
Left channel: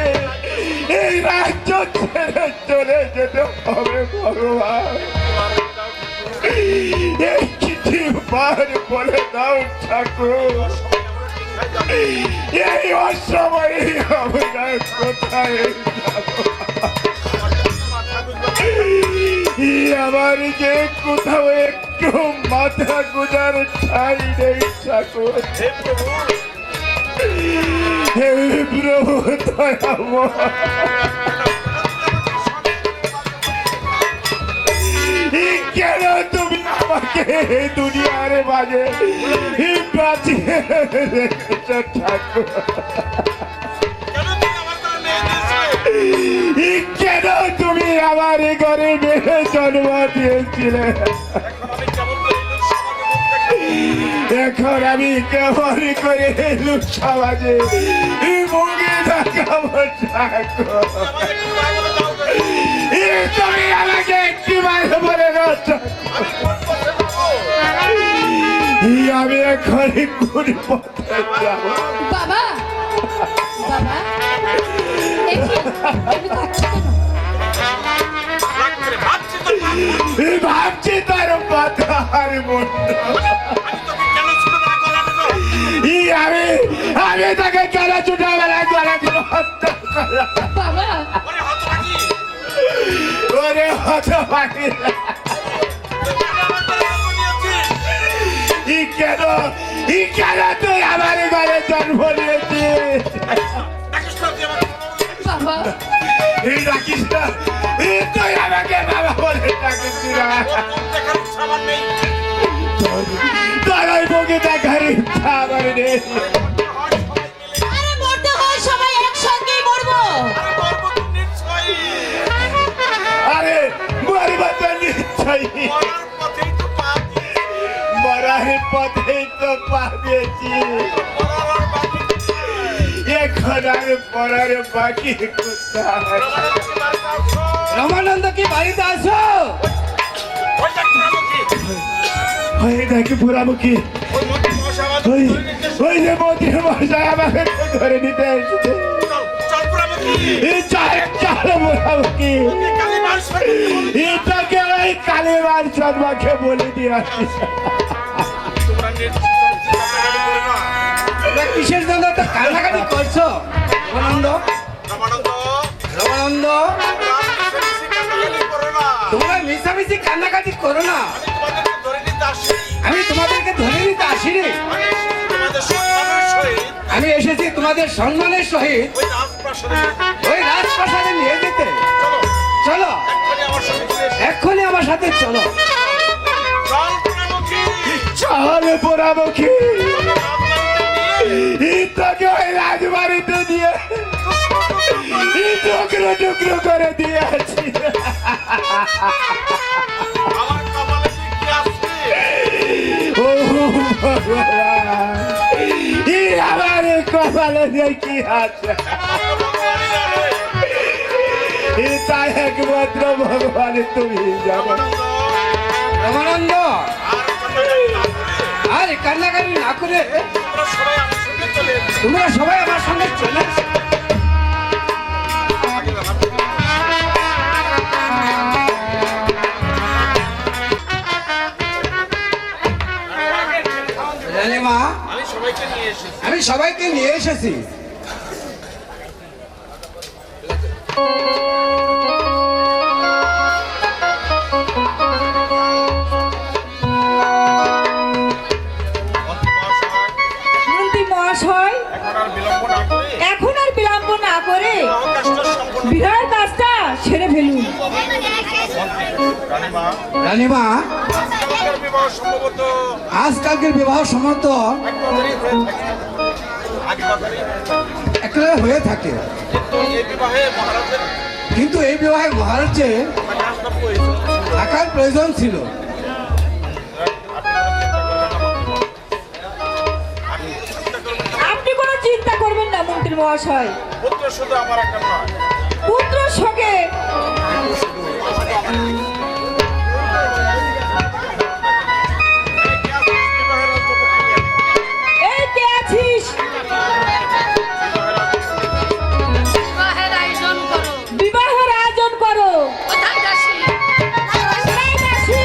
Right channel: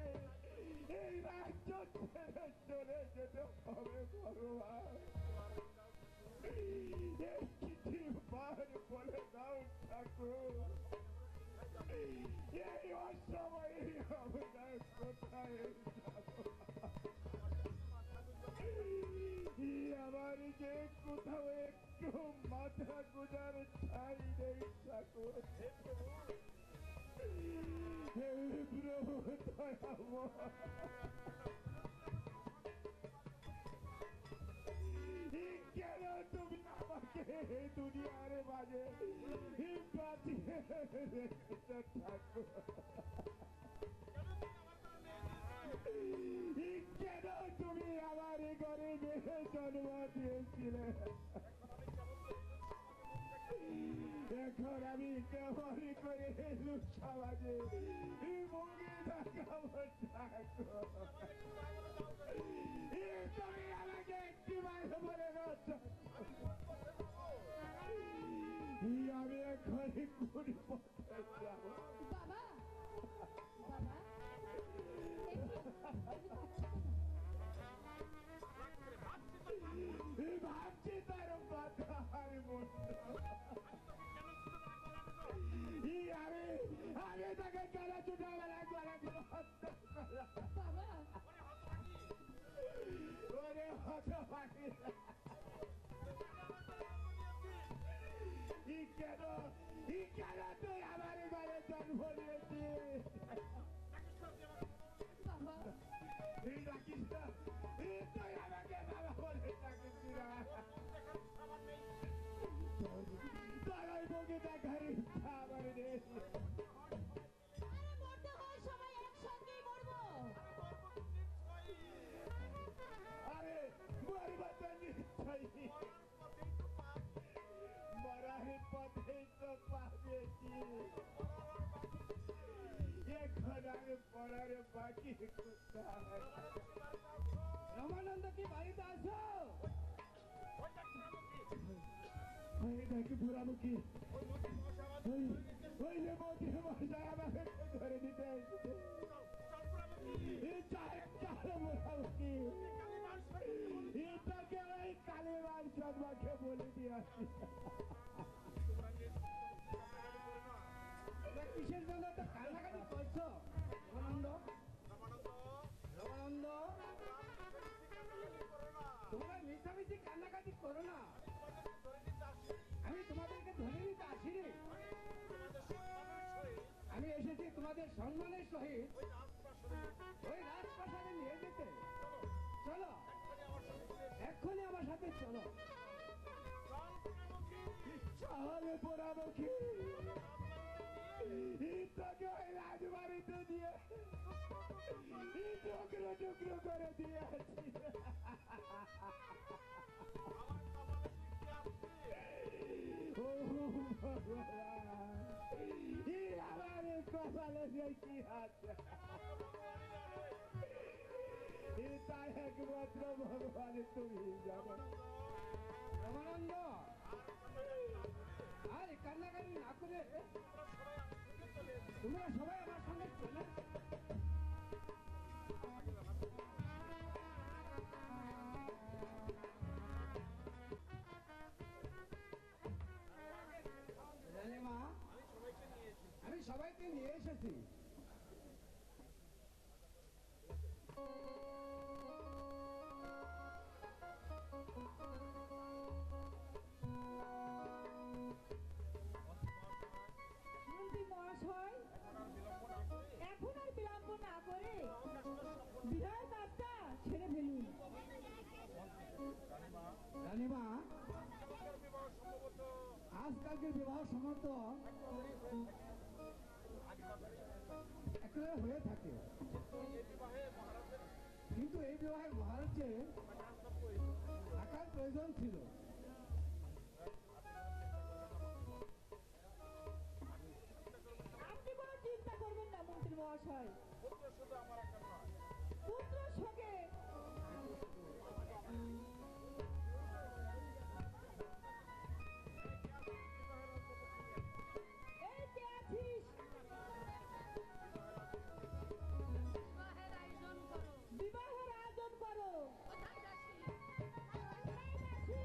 এই রাজ্য ছেড়ে চলে যেতে হবে ভগবান। এই চিঠি বার বলে দাও ঠাকুর, এই অসময়ে আমরা কোথায় যাব? আমার যে কোথাও একটু মাথা গুজার ঠাই নেই ঠাকুর। হে প্রভু দয়াময়, কেন তুমি আমাকে দুনিয়ার মাঝে বাঁচিয়ে রেখেছ ঠাকুর? কেন তুমি আমার ঘরে মেয়ে জন্ম দিয়েছিলে? এখন আমি কেমন করে লোক সমাজে মুখে দেখাবো ঠাকুর? তুমি আমাকে একটি মাঝে বলে আমি এখন কোন পথে যাবো? বাবা, বাবা, এই কি? তুমি কাঁদছো কেন? ভাবছি তার পাতার মুন্ড। আমি তাকে কেন ছোটবেলায় গলা দিয়ে হত্যা করলাম? বাবা, ওরে হতভাগী, কেন তুই আমার ঘরে জন্ম নিয়েছিস? বাবা, রাখিস না, তুই আমাকে বাবা বলে ডাকিস না। তোর ওই মুখে দেখার ইচ্ছা আমার নেই। আরে মরতে হয় সবাই একসঙ্গেই মরবো। আরে মরবা তো নিশ্চয়ই, মরার পথেই তো পা দিয়েছি, এখন আর পড়ার বাকি কোথায়? রমানন্দ কি বাড়িতে আছো? ওই দেখি পুরামুখী, ওই যে মন্ত্রী মশাই আমাকে ধরে নিতে এসেছে। পুরামুখী এটাকে ওই কালীবার শর্মাকে বলে দিয়ে আসছি। কিসের জন্য তো কান্নাকাটি করছো রমানন্দ? রমানন্দ, তোমরা মিশামিশি কান্নাকাটি করো না। আমি তোমাদেরকে ধরে নিতে আসিনি। আমি এসেছি তোমাদের সম্মানের সহিত ওই রাজপ্রাসাদে নিয়ে যেতে। চলো, এক্ষুনি আমার সাথে চলো। চলে পোড়ামুখী তাকে ওই রাজবাড়িতে দিয়ে টুকরো টুকরো করে দিয়েছি। ও ভগবান, আমার কপালে যে কি আছে তাই একমাত্র ভগবান তুমি জানো। রমানন্দ, আর কান্নাকাটি না করে তোমরা সবাই আমার সঙ্গে চলে এসো। রানীমা, আমি সবাইকে নিয়ে এসেছি। মন্ত্রী মহাশয়, এখন আর বিলম্ব না করে বিবাহের কাজটা সেরে ফেলুন। রানীমা, আজকালকের বিবাহ সম্মত একেবারে হয়ে থাকে, কিন্তু এই বিবাহে মহারাজে থাকার প্রয়োজন ছিল। আপনি কোনো চিন্তা করবেন না মন্ত্রী মহাশয়, পুত্র শোকে এই কে আছিস? বিবাহের আয়োজন করো। বিবাহের আয়োজন করো। কোথায় দাসী? এই দাসী,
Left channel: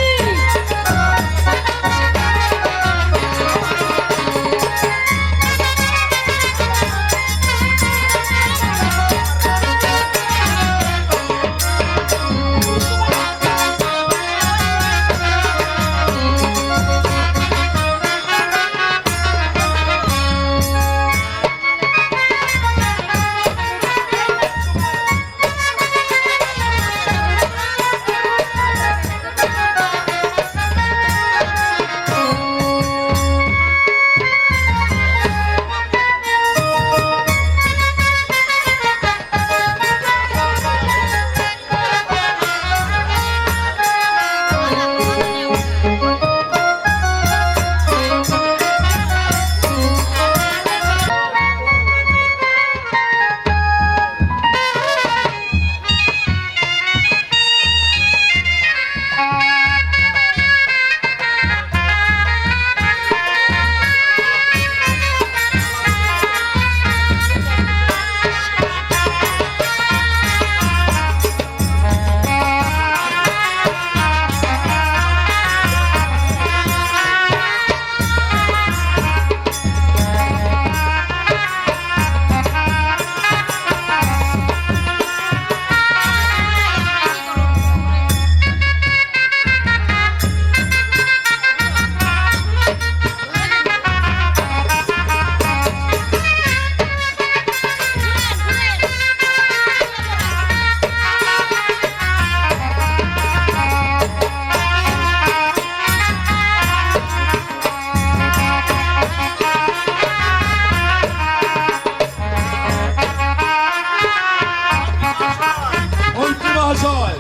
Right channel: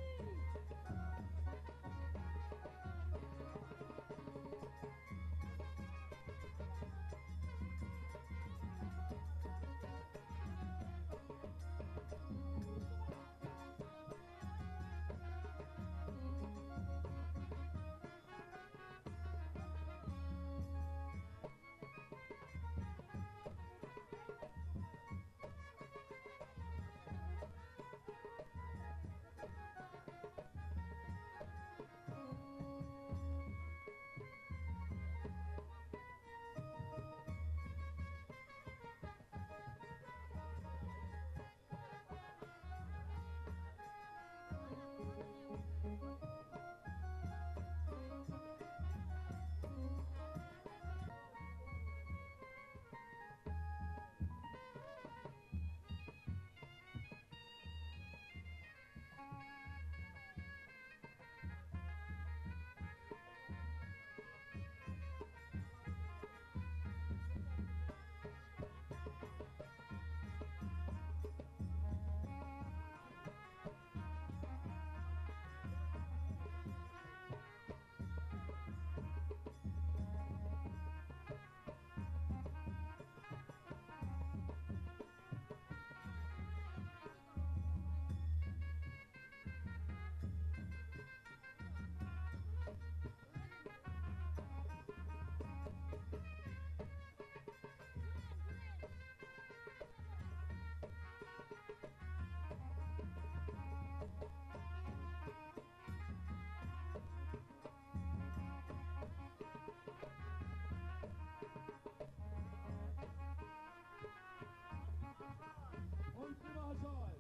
মন্ত্রী মহাশয়,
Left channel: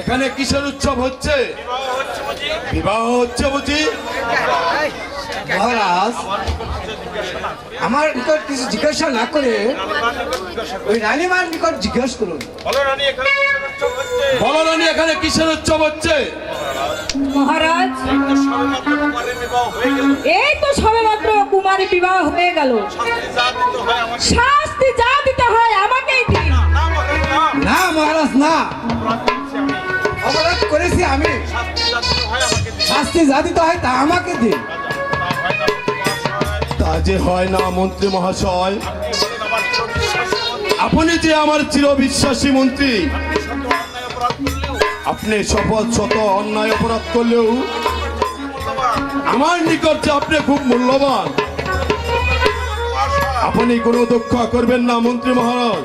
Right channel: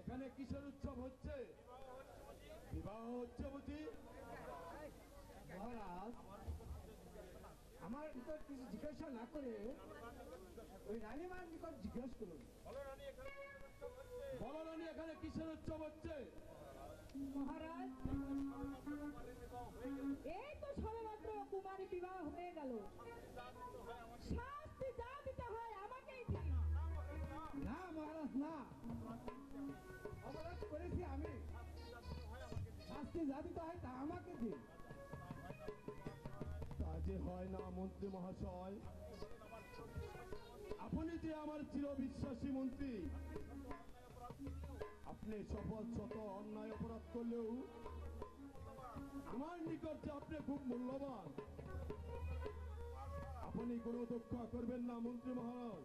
এখানে কিসের উৎসব হচ্ছে? বিবাহ হচ্ছে বুঝি? মহারাজ, আমার নিকট কিছু জিজ্ঞাসা না করে ওই রানীমার নিকট জিজ্ঞাসা করুন। বলো রানী, এখানে কিসের উৎসব হচ্ছে? মহারাজ, এই তো সবেমাত্র কুমারী বিবাহ হয়ে গেল। শাস্তি যা দিতে হয় আমাকেই দিন। না মহারাজ, না, অপরাধ করেছি আমি, শাস্তি যা দিতে হয় তা আমাকে দিন। কাজে হয় না মন্ত্রী মহাশয়। আপনি যে আমার চিরবিশ্বাসী মন্ত্রী, আপনি শপথ শত অন্যায় অপরাধ করলেও আমার নিকট যে আপনি খুব মূল্যবান। আপনি কোনো দুঃখ করবেন না মন্ত্রী মহারাজ।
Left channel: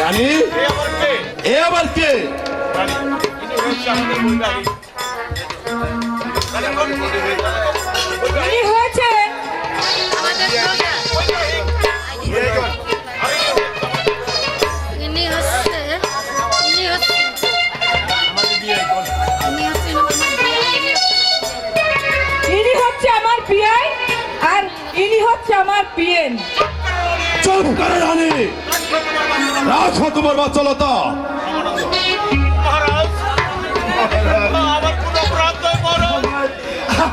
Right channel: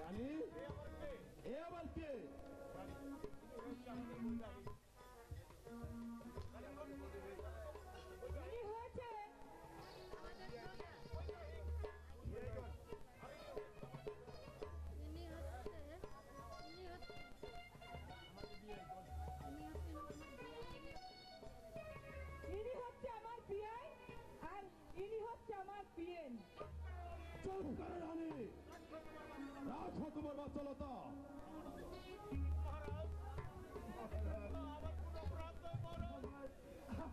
রানী, এ আবার কে? কি হয়েছে? ইনি হচ্ছে আমার পিয়াই আর ইনি হচ্ছে আমার পিএন। চুপ করে রানী, রাখো তোমার বাচ্চালতা।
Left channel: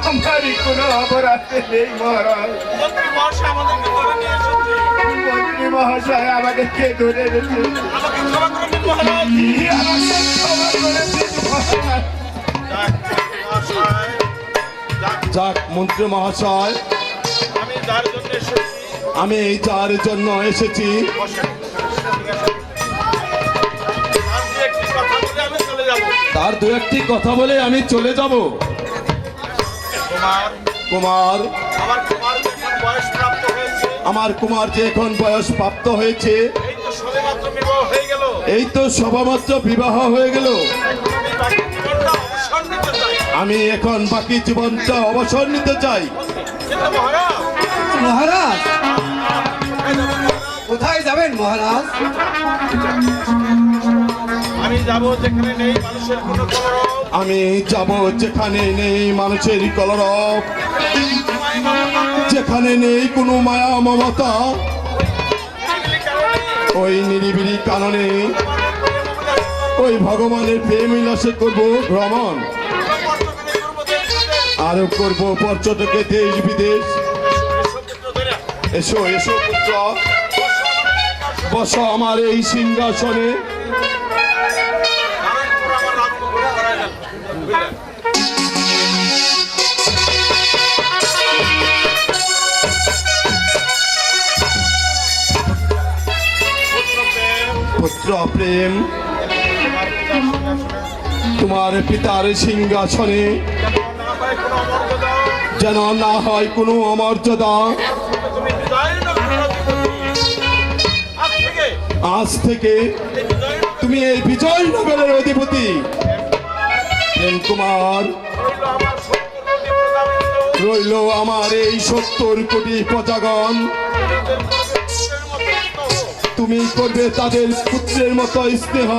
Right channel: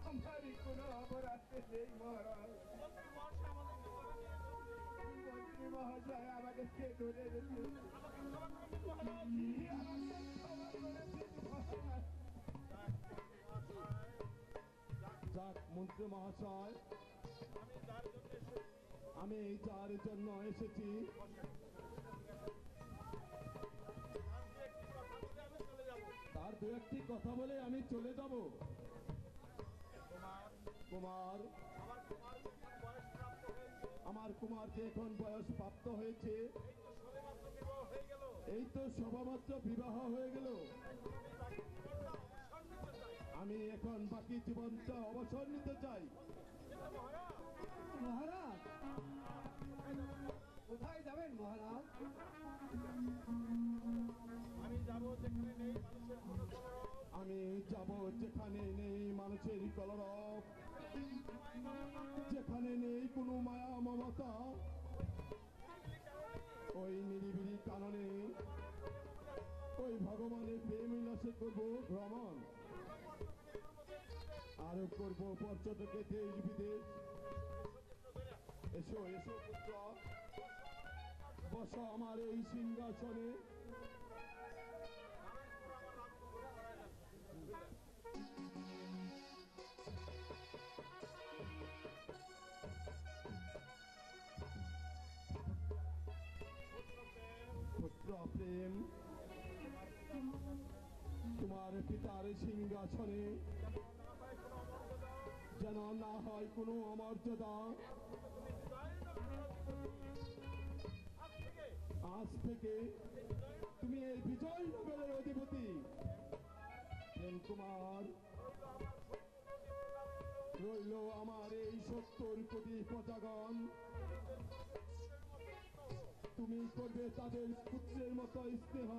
আমারই কোনো অপরাধ নেই মহারাজ। মন্ত্রী মহাশয় আমাদেরকে ধরে রেখে ক্ষমা করে দিন মহারাজ। যাক মন্ত্রী মহাশয়, আমি যার জন্য এসেছি তার দু একটি কথা বলে আমি চলে যাব। কুমার, আমার কুমার যে এখন বয়স প্রাপ্ত হয়েছে, এই তো সবেমাত্র বিবাহ হয়ে গেল। আমি এখন বাকি জীবনটা অবসর নিতে চাই। মহারাজ, কোথায় যাবেন মহারাজ? আমি যাব যেখানে নেই মানুষের কোনো কলরব, আমি যাব যেখানে নেই মানুষের কলরব, যেখানে নেই কোনো মায়া মমতা। ওই নিরিবিলি কাননে ওই ভগবানের প্রেম বিলাসে করব ভ্রমণ, আরো করব পর্যটকে দেশ বিদেশ। এসো এসো পুত্র, বসো আমার এই সিংহাসনে। পুত্র প্রেম, তোমার পিতার সিংহাসনে যেন না হয় কোনো অমর্যাদা। আজ থেকে তুমি এই বিজয়নগরের অধিপতি। প্রেম কুমার, রইল আমার এই 70 কোটি প্রজাগণ, তুমি করবে তাদের পুত্রের মতো স্নেহ।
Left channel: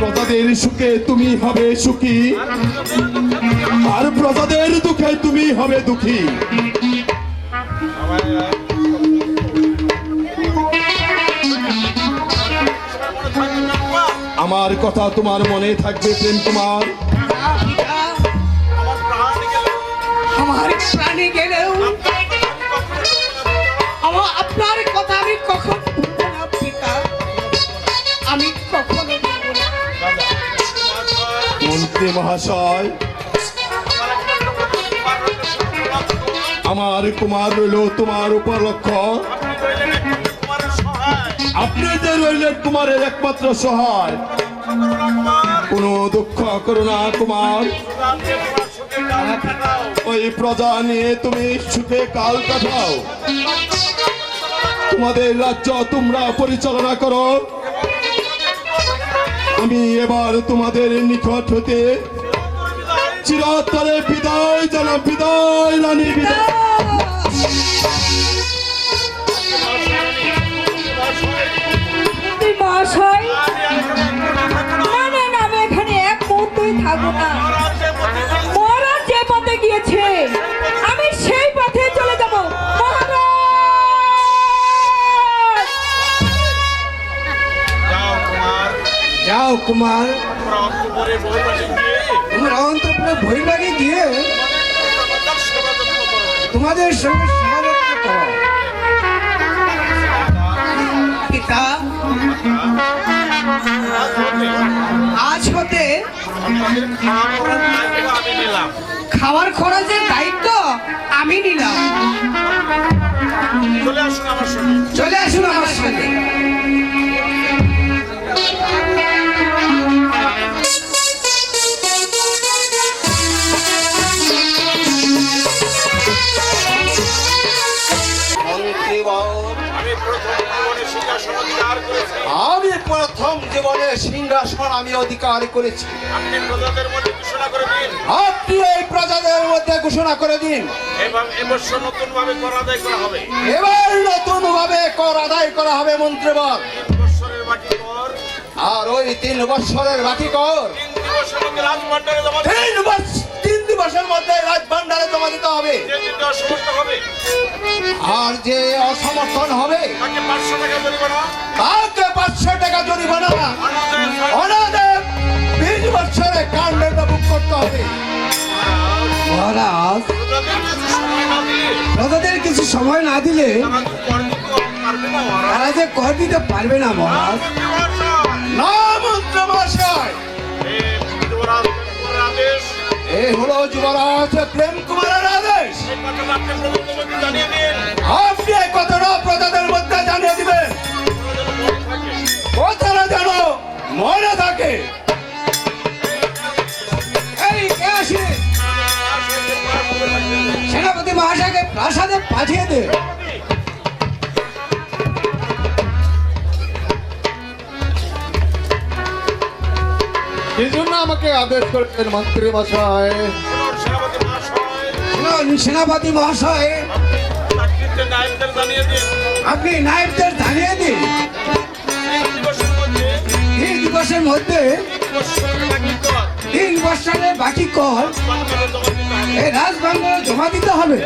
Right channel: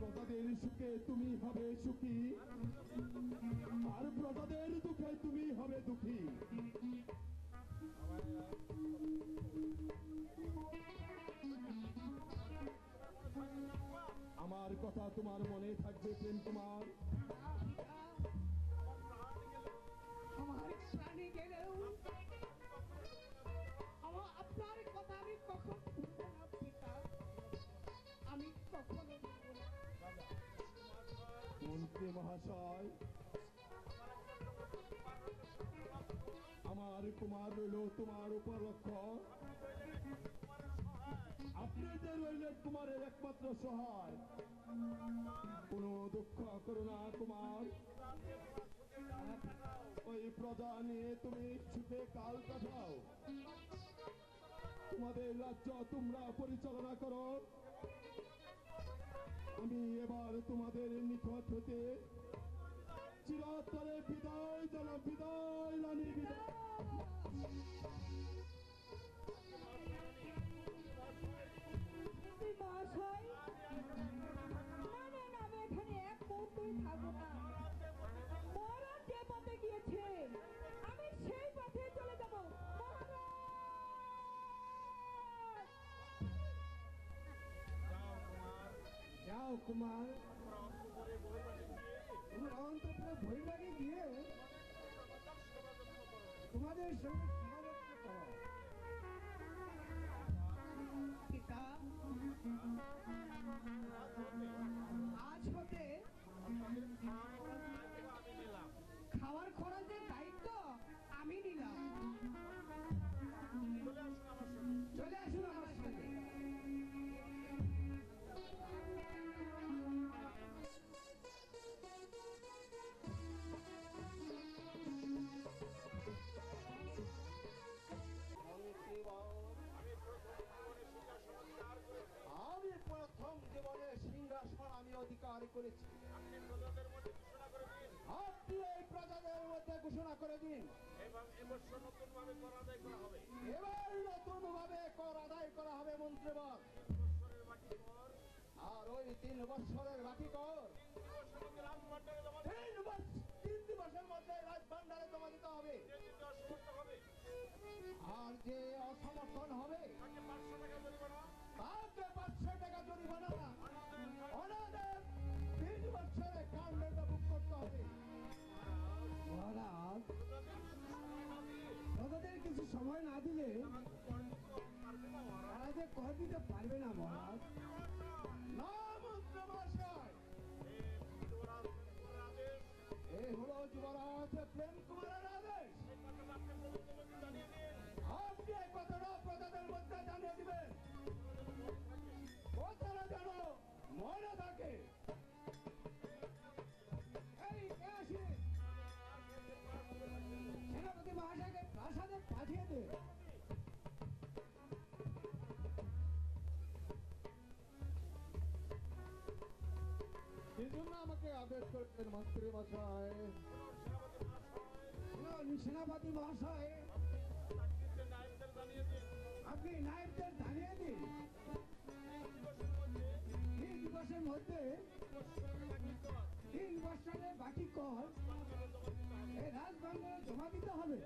প্রজাদের সুখে তুমি হবে সুখী, আর প্রজাদের দুঃখে তুমি হবে দুঃখী। আমার কথা তোমার মনে থাকবে প্রেম কুমার। আমার প্রাণে গেলেও আপনার কথা আমি কখন ভুলবো না পিতা, আমি কখনো ভুলবো না। মন্ত্রী মহাশয়, আমার কুমার রইল তোমার উপর লক্ষ্য। আপনি যে রইলেন কুমারের একমাত্র সহায়। কোনো দুঃখ করো না কুমার, ওই প্রজা নিয়ে তুমি সুখে কাল কাটাও। তোমাদের রাজ্য তোমরা পরিচালনা করো। আমি এবার তোমাদের নিকট হতে চিরতরে বিদায় জানাব। বিদায় রানী, বিদায়। মহাশয়, না না না, আমি এখানে এক মুহূর্তই থাকবো না। মহারাজ যে পথে গিয়েছে আমি সেই পথে চলে যাব। মহারাজ, যাও কুমার, তোমরা অন্তপুরে বহির্ভাগে গিয়ে তোমাদের সঙ্গে সমালোচনা করো। পিতা হতে আপনাদের খাওয়ার দায়িত্ব আমি নিলাম। খাওয়ার খরচের দায়িত্ব আমি নিলাম। চলে আসুন আমার সঙ্গে। চলে আসুন আমার সঙ্গে। আমি প্রথম জীবনে সিংহাসন আমি প্রথম জীবনে সিংহাসন অধিকার করেছি। আমি অধিকার করেছি। আপনি প্রজাদের মধ্যে ঘোষণা করে দিন আপনি এই প্রজাদের মধ্যে ঘোষণা করে দিন, এবং এবছর নতুন ভাবে কর আদায় করা হবে। এবার নতুন ভাবে কর আদায় করা হবে মন্ত্রীবর। 3 বছরের বাকি কর আর ওই 3 বছরের বাকি কর 3 দিবসের মধ্যে রাজভাণ্ডারে জমা দিতে 3 দিবসের মধ্যে রাজভাণ্ডারে জমা দিতে হবে। যে দিতে অসমর্থ হবে আর যে অসমর্থন হবে তাকে 500 টাকা জরিমানা, তাকে 500 টাকা জরিমানা, অনাদেব 20 বছরে কাণ্ডটা বুক করতে হবে। মহারাজ, প্রজাদের কিছু সময় না দিলে প্রজাদের কিছু সময় না দিলে তারা তো কর দিতে পারবে না মহারাজ। তারা যে কর দিতে পারবে না মহারাজ। না মন্ত্রমশাই, আদেশ এই হলো যুবরাজ প্রেম কুমারের আদেশ। এই কথাটা আপনি প্রধানমন্ত্রীকে জানিয়ে দিন। আপনি এই কথাটা প্রজাদের মধ্যে জানিয়ে দিবেন, কথাটা যেন মনে থাকে। এই কে আসে? সেনাপতি মহাশয়কে প্রাসাদে পাঠিয়ে দে। এই জন্য আমাকে আদেশ করেছেন মন্ত্রী মশাই। সেনাপতি মহাশয়, শুনুন, সেনাপতি মহাশয়, চাকরিতে নায়েবদের জানিয়ে দিন আপনি নায়েবদের জানিয়ে দিন 3 দিবসের মধ্যে 3 দিবসের মধ্যে 3 বছরের বাকি 3 বছরের বাকি কর কর রাজভাণ্ডারে জমা দিতে হবে। এই রাজভাণ্ডারে জমা দিতে হবে।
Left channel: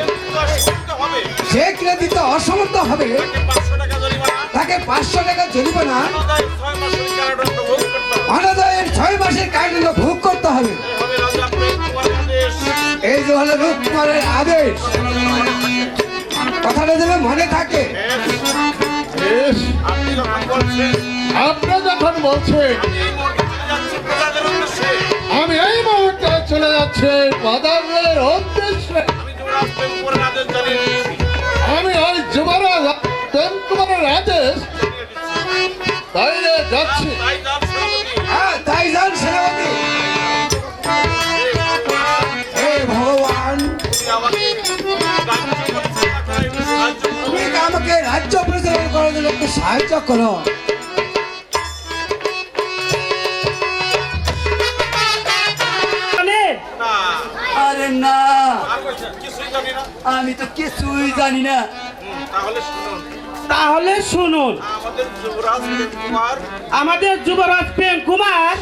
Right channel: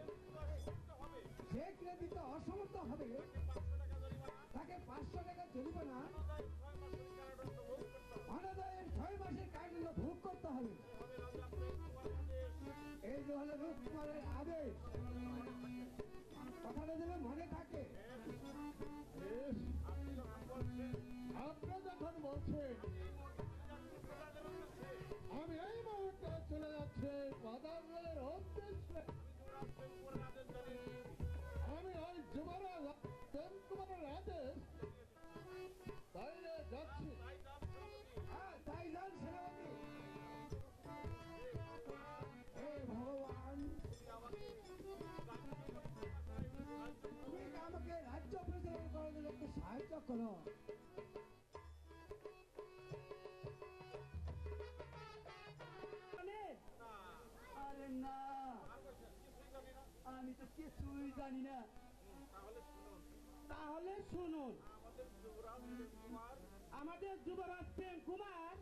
অসমর্থ হবে যে কিনে দিতে অসমর্থ হবে তাকে 500 টাকা জরিমানা, তাকে 500 টাকা জরিমানা, অনাদায়ের 6 মাসের কারাদণ্ড ভোগ করতে অনাদায়ের 6 মাসের কারাদণ্ড ভোগ করতে হবে। হবে। এভাবে রাজা প্রেম কুমারের আদেশ। এই যে হলো রূপকুমারের আদেশ, কথাটা যেন মনে থাকে। বেশ, আপনি যখন বলছেন আপনি যখন বলছেন আমি এই মুহূর্তে চলে যাচ্ছি প্রজাদের উদ্দেশ্যে। আমি এই মুহূর্তে চলে যাচ্ছি বাজারের উদ্দেশ্যে। আমি যুবরাজ প্রেম কুমারের আদেশ জানিয়ে দিচ্ছি। আমি ওই যুবরাজ প্রেম কুমারের আদেশ বাইরে যাচ্ছি। তাই যান সেনাপতি। হ্যাঁ, তাই যান সেনাপতি। হে ভগবান, তুমি আমাকে রাজ্য পরিচালনা করার জন্য তুমি আমাকে রাজ্য পরিচালনা করার জন্য সাহায্য করো। একটু সাহায্য করো। না, আরে না, আর বলছেন, কিছুই জানি না। আমি তো কিছুই জানি না। তাহলে শুনুন, তাহলে শুনুন, আমাদের যুবরাজ প্রেম কুমার আমাদের যুবরাজ প্রেম কুমার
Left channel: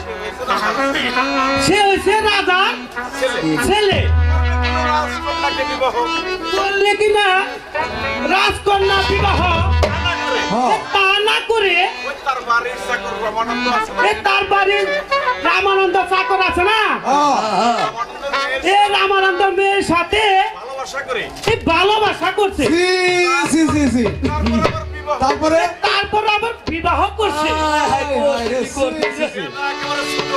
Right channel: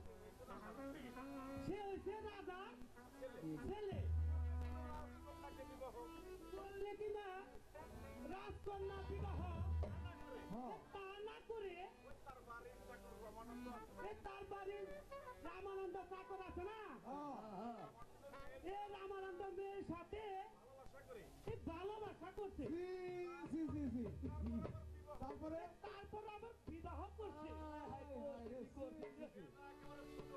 সে হয়েছে রাজার ছেলে। রাজকন্যাকে বিবাহ করলে কিনা রাজকন্যা বিবাহ না করে তা না করে ওই তার বাড়ির চাকর রমানন্দ আছে না? এ তার বাড়ির রামানন্দ চাকর আছে না, রমানন্দের মেয়ের এ রামানন্দ মেয়ের সাথে ভালোবাসা করে এই ভালোবাসা করছে, সি সি সি সি। তারপর আবার বিবাহ তারপরে তারপর আবার বিবাহ করছে। একেবারে ছোট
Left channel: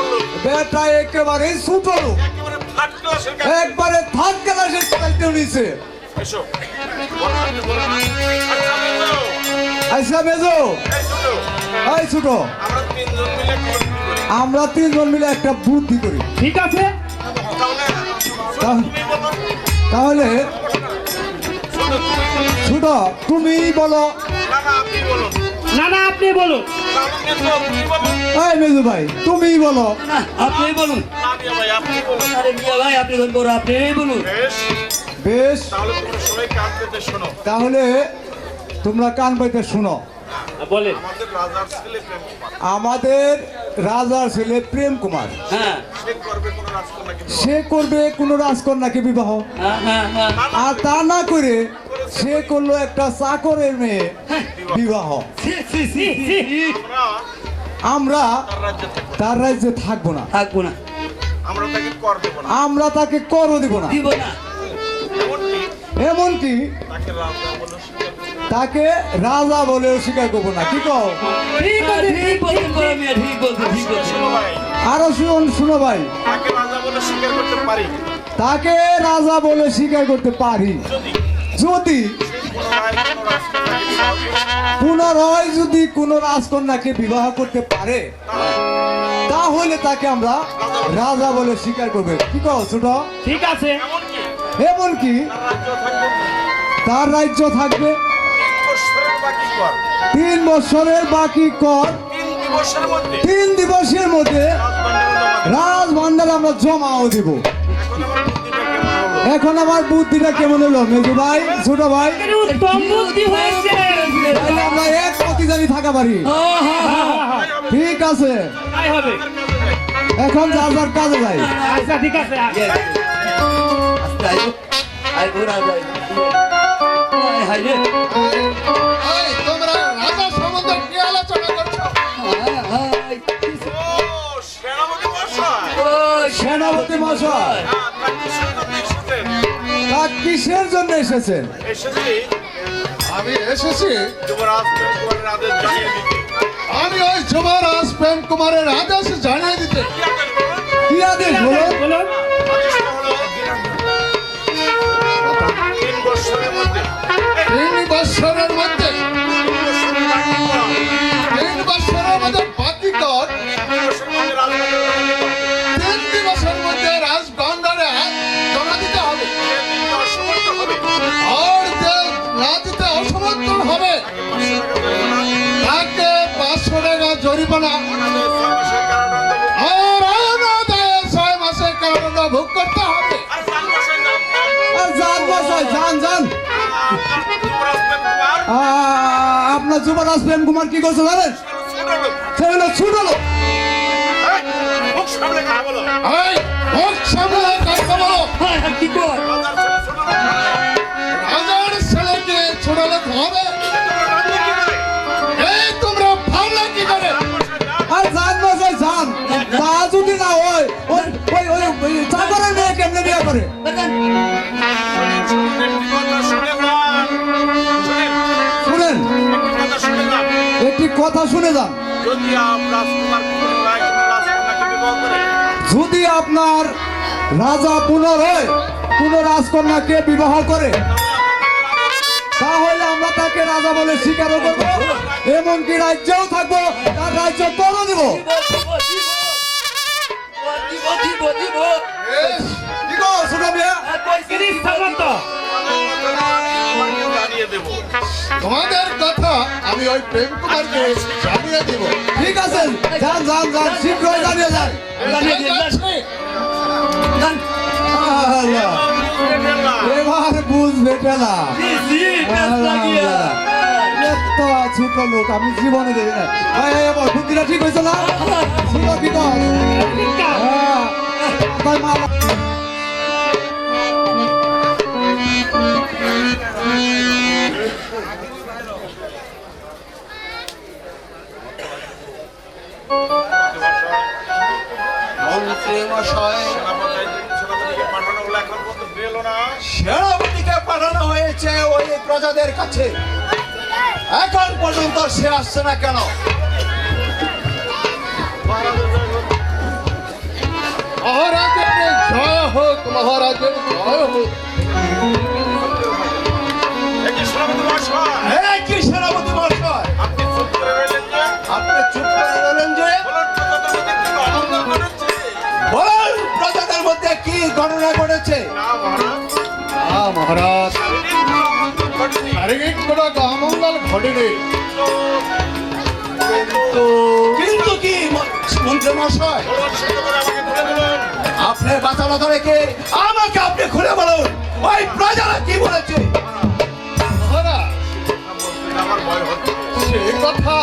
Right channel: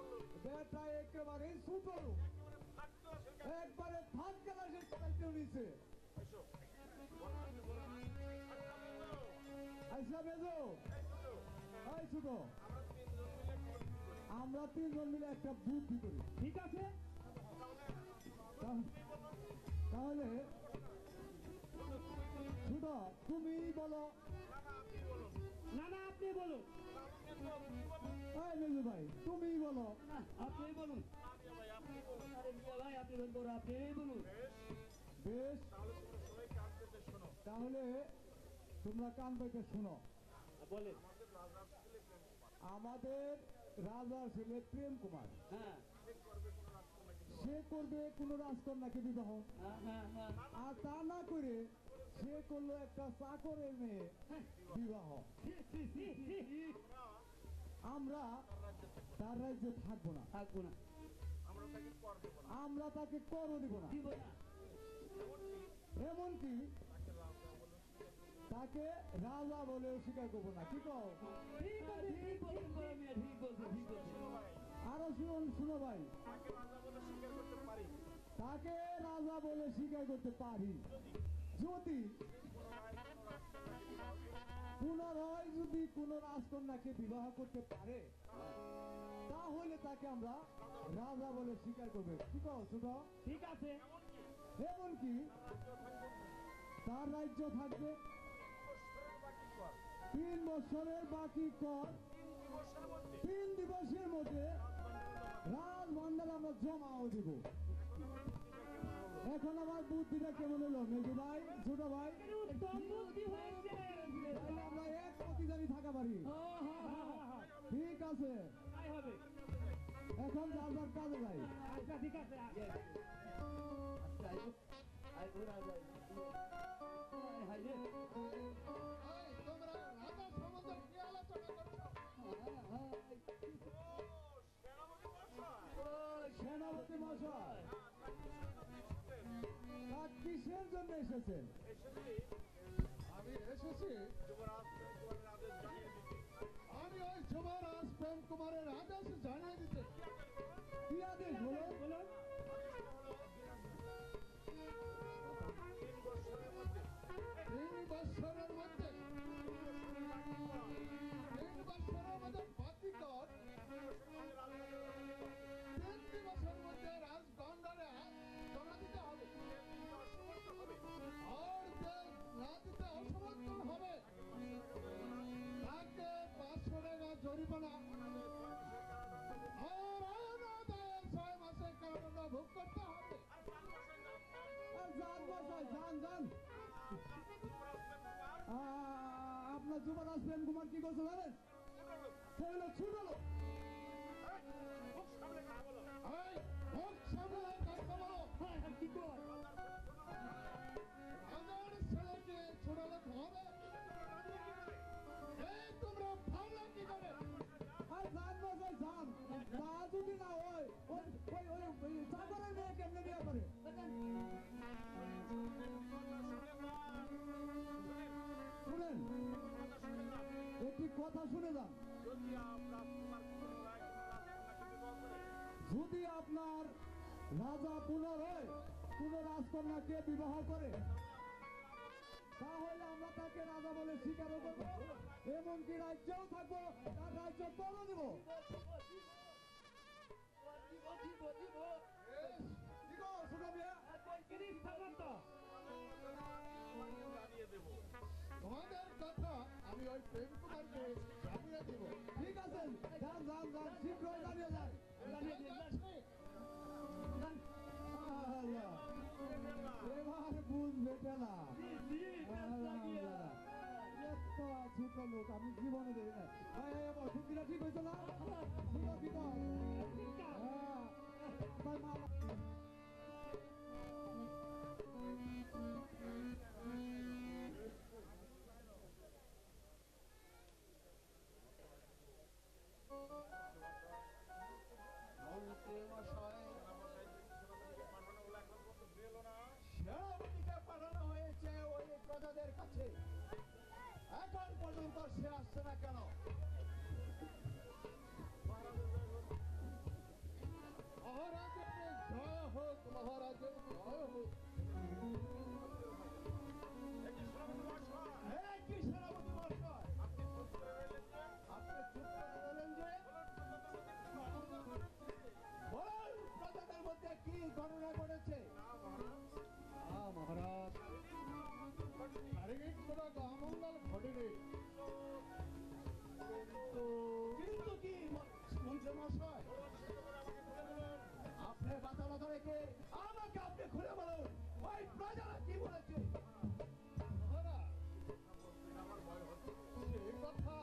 লোক, বেটা একেবারে ছোট লোক, একেবারে থার্ড ক্লাসের কাছে। একবারে থার্ড ক্লাসের চাইতে নিছে। এসো, বলুন, বলুন। আচ্ছা, মেজো, আচ্ছা মেজো, এই ছোট, এই ছোট, আমরা 3 জন মিলে কি করি? আমরা 3 জন মিলে একটা বুদ্ধি করি। ঠিক আছে, তাহলে তাহ- তুমি বলো, তাহলে ছোট তুমি বলো। ছোট তুমি বলো। না, না, আপনি বলুন। না না আপনি বলুন, তাহলে মেজো, তুমি বলুন। এই মেজু ভাই তুমি বলো। না, আপনি বলুন। না, মিয়া ভাই, আপনি বলুন। আরে মিয়া ভাই, আপনি কোন বড়, আপনি বলুন। বেশ, বেশ, তাহলে তোমরা সবাই কান পেতে শোনো। তাহলে তোমরা কান পাইতে শুনো। বলেন। আমাদের রাজার ছেলে প্রেম কুমার, আমাদের রাজার ছেলে প্রেম কুমার হ্যাঁ, সে করবে কোন রাজকন্যাকে বিবাহ। সে করবে কোনো রাজকন্যাকে বিবাহ, হ্যাঁ, হ্যাঁ, হ্যাঁ। আর তা না করে সে করলো একটা চাকরের মেয়ে বিবাহ। ছি, ছি, ছি, ছি। আমরা আমরা তার রাজ্যে থাকবো। তার রাজ্যে থাকবো না, থাকবো না, আমরা তাকে কর দেবো না। আমরা তাকে করও দিব না, দিব না। এমনকি এমনকি তাকে রাজা বলে স্বীকার করবো না। তাকে রাজা বলেও স্বীকার করবো না। কি কও? ঠিক আছে, ঠিক বলছেন বড় মিয়া, ঠিক বলছেন, ঠিক বলছেন। শোনো ভাই, আরো শুনো ভাই, তাকে রাজা বলে স্বীকার করতে পারি তাকে রাজা বলে স্বীকার করতে পারি যদি পুনরায় যদি কোনো রাজকন্যাকে বিবাহ করতে পারে, তাহলে তাকে আমরা রাজা বলে স্বীকার করবে। কি কও ছোট? ঠিক আছে। এমনকি তার রাজ্য থাকবে 3 বছরের বাকি কর 3 দিবসের মধ্যে রাজভান্ডার আমরা জমাও দিব। এখন আমার বুদ্ধিটা কেমন হলো মেজু ভাই, ছোট ভাই? উত্তম বুদ্ধি হয়েছে। তাহলে আমরা এক প্রতিদানি থাকা পারি। ঠিক আছে, তাই হবে। এখন যার যার কাজে যাই। আচ্ছা ঠিক আছে। এই, তোমরা রাজা সম্বন্ধে কি আলোচনা করছো? সেনাপতি মশাই, তা কিসের জন্য এসেছেন? আমি এসেছি, আমি ওই যুবরাজ প্রেম কুমারের আদেশ জানিয়ে দিতে। কি আদেশ বলো? বলুন। 3 বছরের মধ্যে 3 বছরের মধ্যে বাকি কর 3 দিবসের মধ্যে রাজগন্ডারে জমা দিতে হবে। আর যে না দিতে অসমর্থ হবে তাকে 500 টাকা জরিমানা আর অনাদায়ে 6 মাসের কারাদণ্ড ভোগ করতে হবে। আর যান মশাই, যান যান। আপনার যুবরাজ প্রেম কুমার কি করছে জানেন? সে হলো ছোট লোক। এই, মুখ সামলে কথা বলো। কি কর? রাজার ছেলেকে ছোট লোক হবে? এই, তোমরা ভাবলে কি করে? আর যান মশাই, যান। তা যদি না হয় ওই ওই ওই ওই চাকরের মেয়ে কেমনে বিয়ে করে? শুনেন, একটি কথা শুনে যান। যদি আপনার রাজা পুনরায় কোন রাজকন্যাকে বিবাহ করে, তাহলে আমরা তাকে রাজা বলে স্বীকারও করবো, এমনকি রাজ্যেও থাকবো, তার রাজ্য করে দিব। বেশ, কি গো, ছোট মেয়ে? তিরিশ সামন্ত। তোমাদের কথা আমি ওই প্রেম কুমারকে জানিয়ে দিব। ঠিক আছে, যান যান যান, শীঘ্রই জানিয়ে যান। যাচ্ছি। আল্লাহ, এবার বুঝবে টেলা। এত ছোট লোক আমি জীবনে দেখি না। বুদ্ধিটা ঠিক হয়েছে না? ছিল কি কর? হ্যাঁ, তাই মালা। সেনাপতিকে পাঠানো হয়েছে ওই প্রজাদের কাছে, এখন পর্যন্ত সে আসছে না কেন? মহারাজের জয় হোক, মহারাজের জয় হোক। এই কি সেনাপতি মশাই, আপনি চুপ করে রইলেন যে? বলুন, প্রজাদের মধ্যে কি ঘটনা ঘটেছে? মহারাজ, শারীরিক কোনো অমঙ্গল ঘটেনি। কিন্তু কি মন্ত্রী মশাই, আপনি বাঁচানো রেখে আমাকে আপনি খুলে বলুন, ওই প্রজারা কি বলেছে? মহারাজ, সে কথা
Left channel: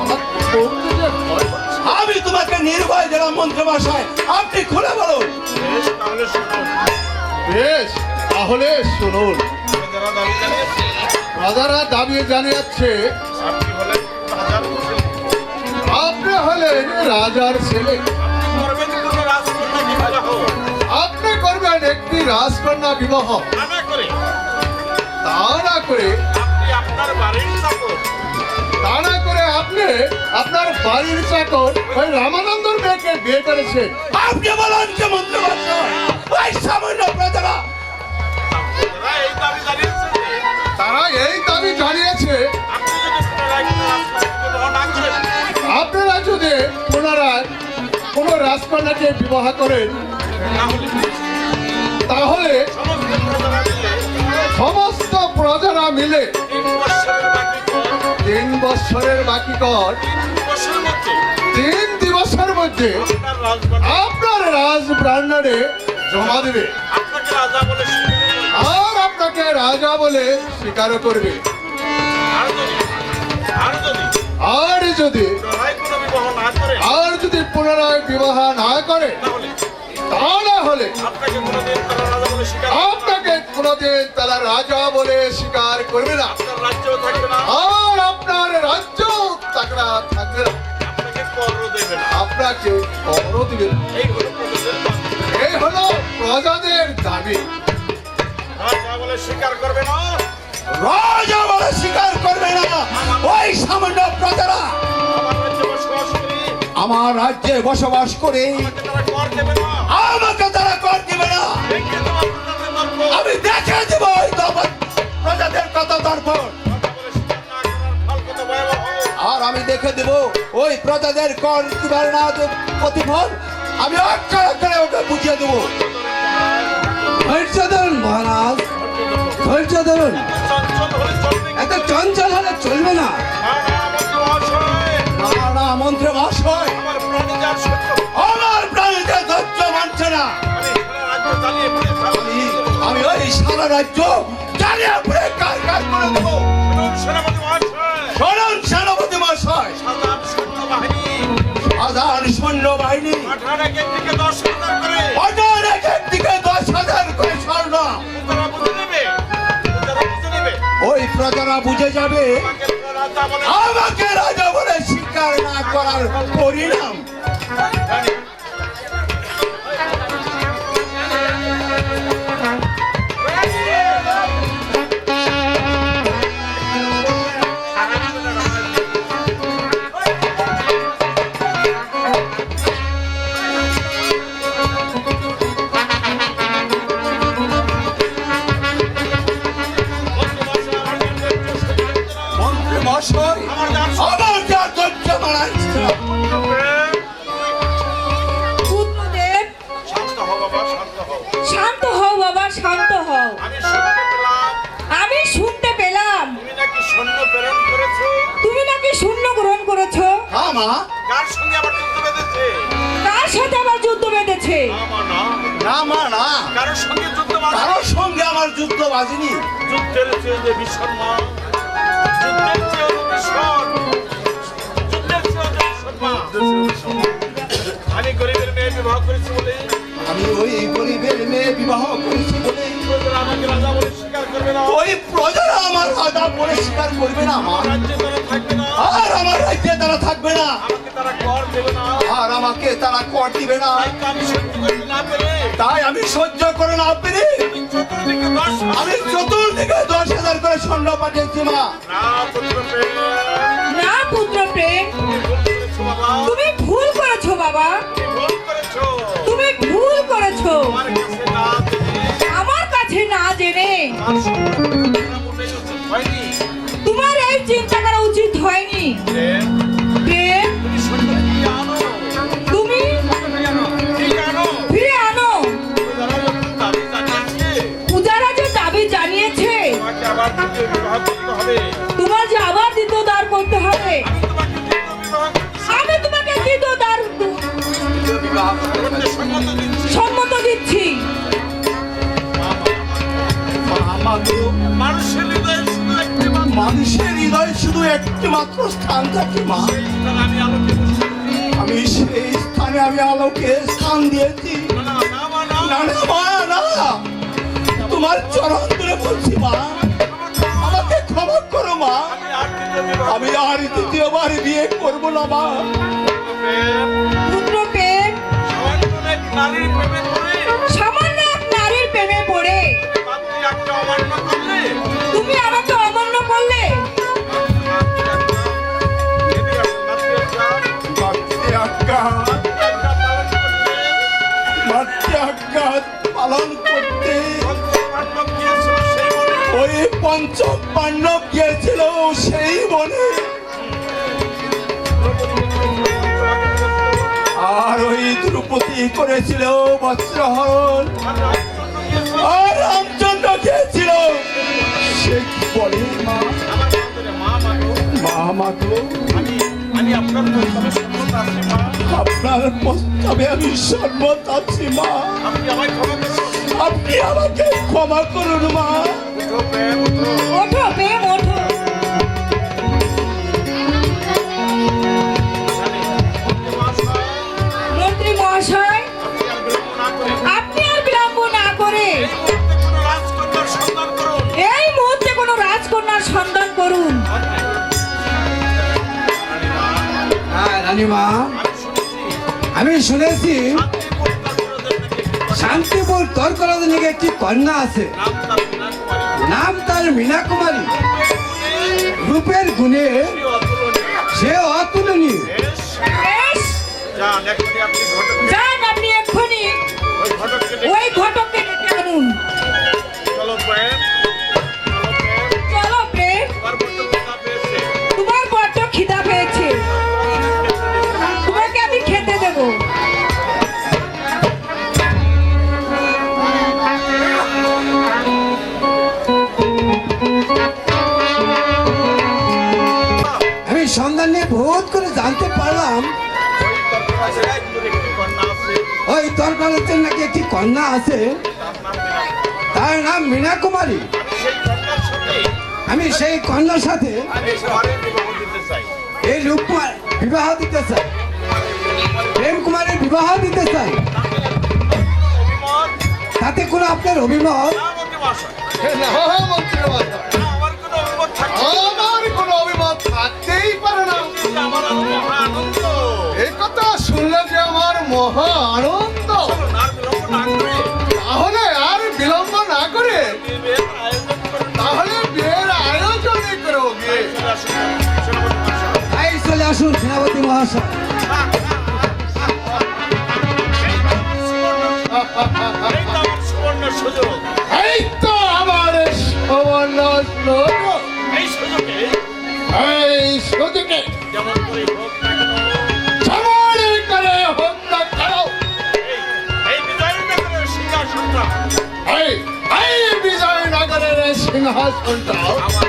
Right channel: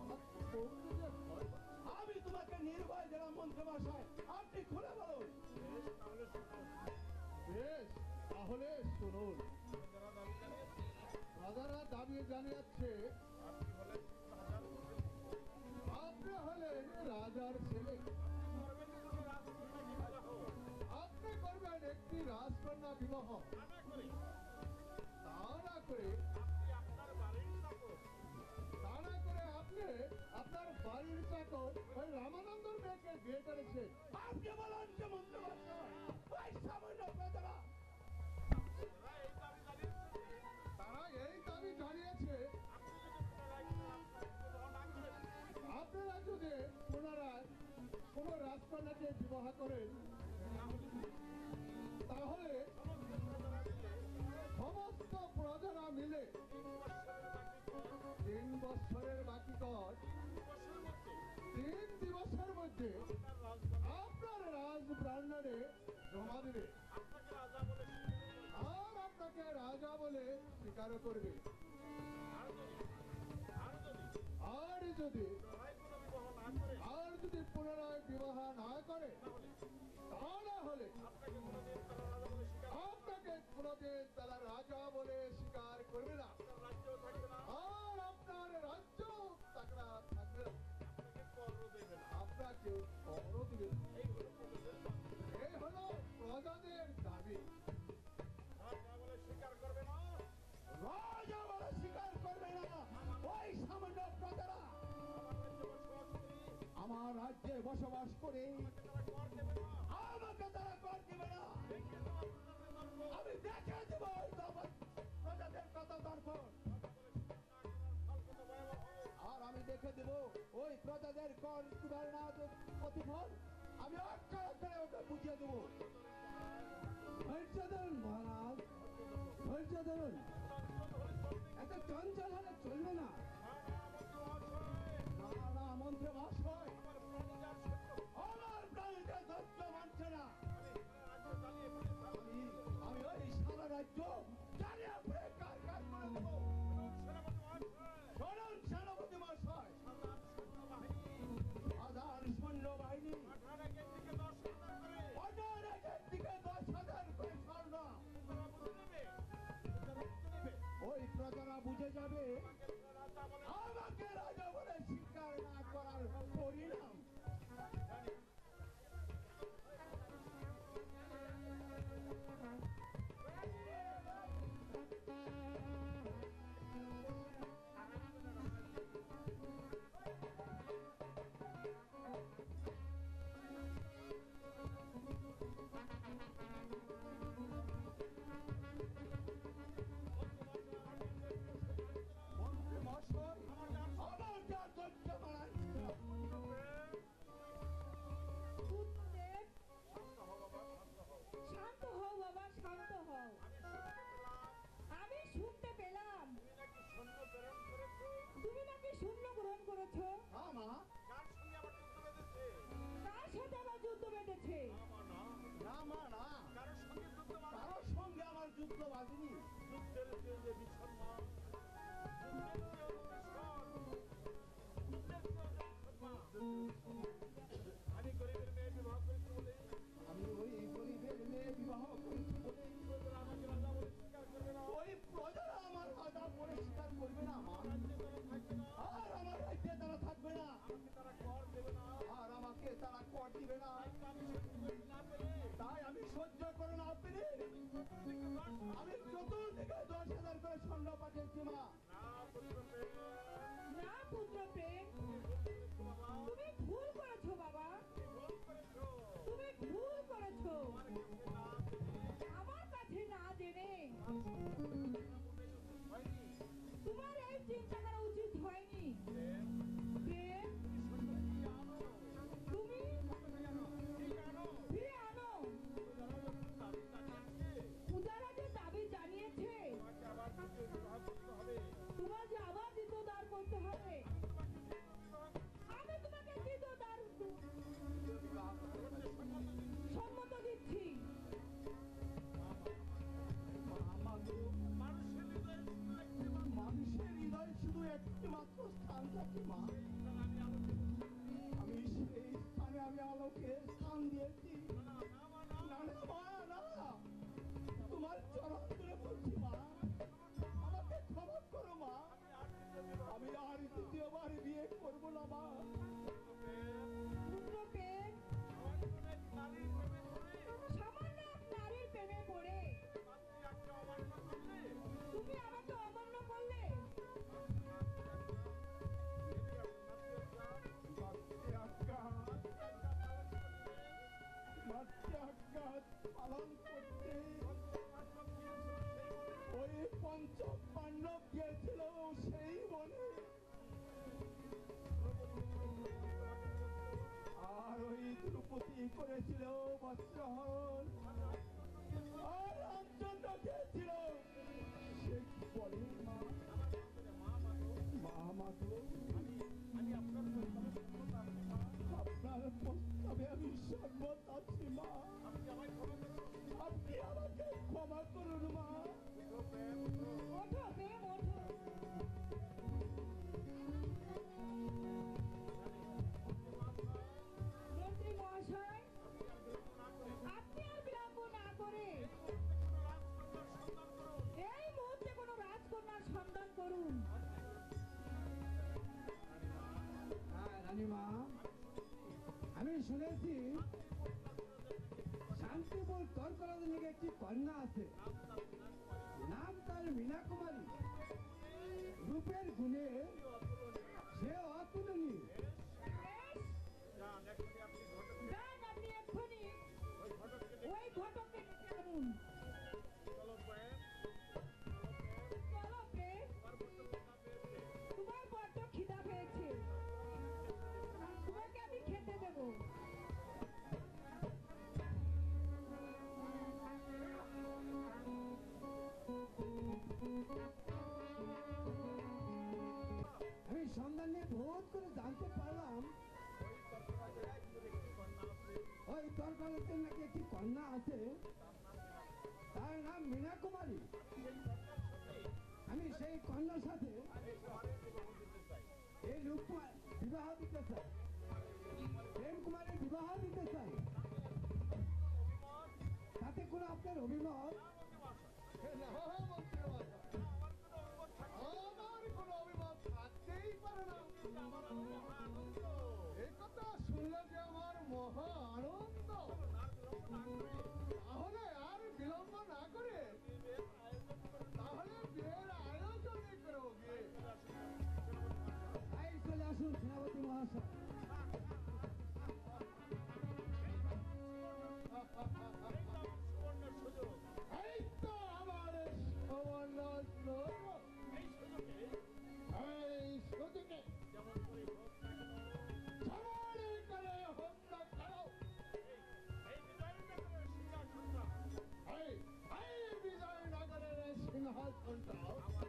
আমার বলতে যে ভয় করছে। আমি তোমাকে নির্ভয় দিলাম মন্ত্রী মশাই, আপনি খুলে বলুন। বেশ, তাহলে শুনুন। রাজারা দাবি জানিয়েছে আপনি হলেন রাজার ছেলে, আপনি করবেন একটি রাজকন্যা বিবাহ। তা না করে আপনি আপনার বাড়ির চাকর ওই রামানন্দর মেয়েকে মেয়েকে বিয়ে করেছেন। আপনি বলেন যে মন্ত্রী মশাই ওই সামান্য প্রজারা এই দাবি জানিয়েছে যে তারা এই দাবি জানিয়েছে আপনি যদি পুনরায় কোনো রাজকন্যাকে বিবাহ না করেন, আপনারা যদি পুনরায় কোনো রাজকন্যাকে বিবাহ করেন তাহলে সমস্ত প্রজারা মিলে 3 বছরের বাকি কর 3 দিবসের মধ্যে আপনার রাজপ্রাঙ্গণে জমা দেবে আর আপনাকে রাজা বলে স্বীকার করবে। আর যদি পুনরায় বিবাহ না করে তাহলে হলে আপনাকে কোনোদিন তারা রাজা বলে স্বীকার করবে না, আর আপনার রাজ্য থাকবে না, আপনাকে করও দিবে না। এই হলো প্রজাদের দাবি। স্বীকার করবে না, রাজা বলে স্বীকার করবে না ওই সামান্য প্রজারা আমার রাজ্যে বসবাস করি, আমার রাজ্যে বসবাস করে তারা কর দেবে না, আমাকে তারা কর দিবে না। দেখে দেবো আপনাদের দর্পণ। আমি দেখে দেব ওই প্রজাদের কত দর্পণ, আর আমি দেখে দেব ওই প্রজাদের কর কিভাবে না প্রতিফল আমি অক্ষর অক্ষরে ওকে বুঝিয়ে দেবো। ধৈর্য ধরুন মহারাজ, ধৈর্য ধরুন। এত চঞ্চল হলে চলবে না। না মন্ত্রী মহাশয়, আমার প্রাণীতে ধৈর্য মানছে না। আমি ওই সারা রাজ্য জ্বালিয়ে পুড়ে কাজ করে দেবো। শোনুন সেনাপতি মহাশয়, সাধারণ সৈন্যবাহিনী পাঠান এক দিকে 10,000 করে স্বর্ণ ওই প্রজারা বুঝে যাবে আমাকে রাজা বলে স্বীকার না করার পরিণাম। মন্ত্রী মহাশয়, আমার যা ধৈর্য মানাচ্ছে না। পুত্রদেব শান্ত হও বাবা, শান্ত হও। শান্ত হও বাবা, শান্ত হও। আমি শুনতে পেলাম আমি শুনতে পেলাম তুমি নাকি সৈন্য প্রেরণ করেছো। তুমি নাকি শূন্য গ্রহণ করেছো। হ্যাঁ মা, কার সঙ্গে আবার যুদ্ধ বেঁধেছে? কার সাথে আবার যুদ্ধ বেঁধেছে? আমার না, না মা না, কারোর সঙ্গে যুদ্ধ বাঁধে? কারোর সঙ্গে আমার যুদ্ধ বাজিনি। যুদ্ধের চেয়ে যে ভীষণ মা, যুদ্ধের চেয়ে ভীষণ, যুদ্ধের চেয়ে ভীষণ মা। আমি গরিবের মেয়ে বিবাহ করেছি বলে আমি ওই গরিবের মেয়ে বিবাহ করেছি বলে প্রজারা আমাকে রাজা বলে স্বীকার করবে না, ওই প্রজারা আমার রাজা বলে স্বীকার করবে না মা, রাজ্যে তারা থাকবে না, আর আমার রাজ্যে তারা থাকবে না, আমাকে তারা কর দেবে না। আর আমাকে তারা কর দিবে না। তাই তো আমি সহ্য করতে না পেরে তাই আমি সহ্য করে না পেরে আমি চতুর্দিকে 10 আমি 10,000 করে স্বর্ণ পাঠিয়েছি মা। না পুত্র প্রেম, না পুত্র প্রেম, তুমি ভুল করেছো বাবা, তুমি ভুল করেছো, তুমি ভুল করেছো। তুমি ভুল করেছো। আমার কাছে না জেনে আমার কাছে না জেনে আমার মোটেই উচিত হয়নি। তোমার এই চিন্তা করা উচিত হয়নি। প্রেম, প্রেম, তুমি সৈন্য ফিরিয়ে আনো, তুমি ফিরিয়ে আনো। ফিরে আনো। যারা যখন দাবি জানিয়েছে, পূজারা যে দাবি জানিয়েছে তোমাকে আবার দ্বিতীয় বিবাহ করতে হবে। তোমার যে আবার দ্বিতীয় দ্বার করতে হবে। আমি তোমাকে দ্বিতীয় বিবাহ করতে আমি তোমাকে দ্বিতীয় দ্বার সম্মত দিচ্ছি। সম্মত দিচ্ছি। মা গো, মানুষের হৃদয়ে শুধু একটি মাত্র মানুষের হৃদয় শুধু একটি মাত্র স্থান থাকে মা। স্থান, আমি আলোকে বসে আছি। আমি সেই স্থানে আমি আলোকে স্থান দিয়েছি। না, না, না, মা, না। না না মা না, তোমার চরণ ধরে বলছি মা, আমাকে ক্ষমা করো মা। আমি আর দ্বিতীয় বিবাহ আমি আর দ্বিতীয়বার বিয়ে করবো না মা। প্রেম, পুত্র প্রেম, সামান্য এক নারীর প্রেমে পড়ে সামান্য এক নারীর প্রেমে পড়ে মাতৃ আজ্ঞা অমান্য করলে তুমি আমাকে অমান্য করলে। মাতৃ আজ্ঞা, মাতৃ আজ্ঞা, মাতৃ আজ্ঞা ওই পঞ্চম পাণ্ডব গিয়েছিল সেই বনে, আর ওই দ্রৌপদী করেছিল বস্ত্রহরণ, আর রামচন্দ্র গিয়েছিল সে কি বলে মা, মা মাগো, আমি আপনার প্রস্তাবে সম্মত আছি মা। আপনার প্রস্তাবে আমি সম্মত আছি মা। আপনি আমায় ক্ষমা করুন। আপনি আমাকে ক্ষমা করুন মা। উঠো প্রেম, উঠো। ওঠো প্রেম ওঠো। মন্ত্রী মহাশয়, আপনি আর বিলম্ব না করে এই মুহূর্তে কোনো রাজকন্যার সন্ধান করুন। হ্যাঁ রানীমা, আমি শুনেছি শান্তিপুর তর্করাজ নাকি একটি কন্যা আছে, নাম তার মীনা কুমারী। রূপের গুণে সে অতুলনীয়। বেশ, যান আপনি এক্ষুনি ওই ঘটককে ডেকে আনুন। চলো প্রেম, তোমার বড্ড খিদা পেয়েছে, তোমাকে আমি খেতে দেবো। আমি সন্ধান নিয়ে বহুত করে জানতে পারলাম ওই তর্করাজের নাকি একটি কন্যা আছে, তার নাম মীনা কুমারী। আমি সেই কন্যার সাথে এই রূপকুমার বিবাহ দিতে চাই, প্রেম কুমারের বিবাহ দিতে চাই। তাতে কোনো আপনার অভিমত? না মন্ত্রী মশাই, আমার কোনো অভিমত থাকতেই পারে না। এই কথা শুনলে যে আমার মহা আনন্দ। তাহলে আর বিলম্ব না করে তাহলে বিয়ের আয়োজনই করো গিয়ে। তাই চলে আসুন সেনাপতি মহাশয়। এই তো আমার সুবর্ণ সুযোগ। এই সুযোগে যেমন করে হোক না কেন এই বিজয়নগরের সিংহাসনটা আমার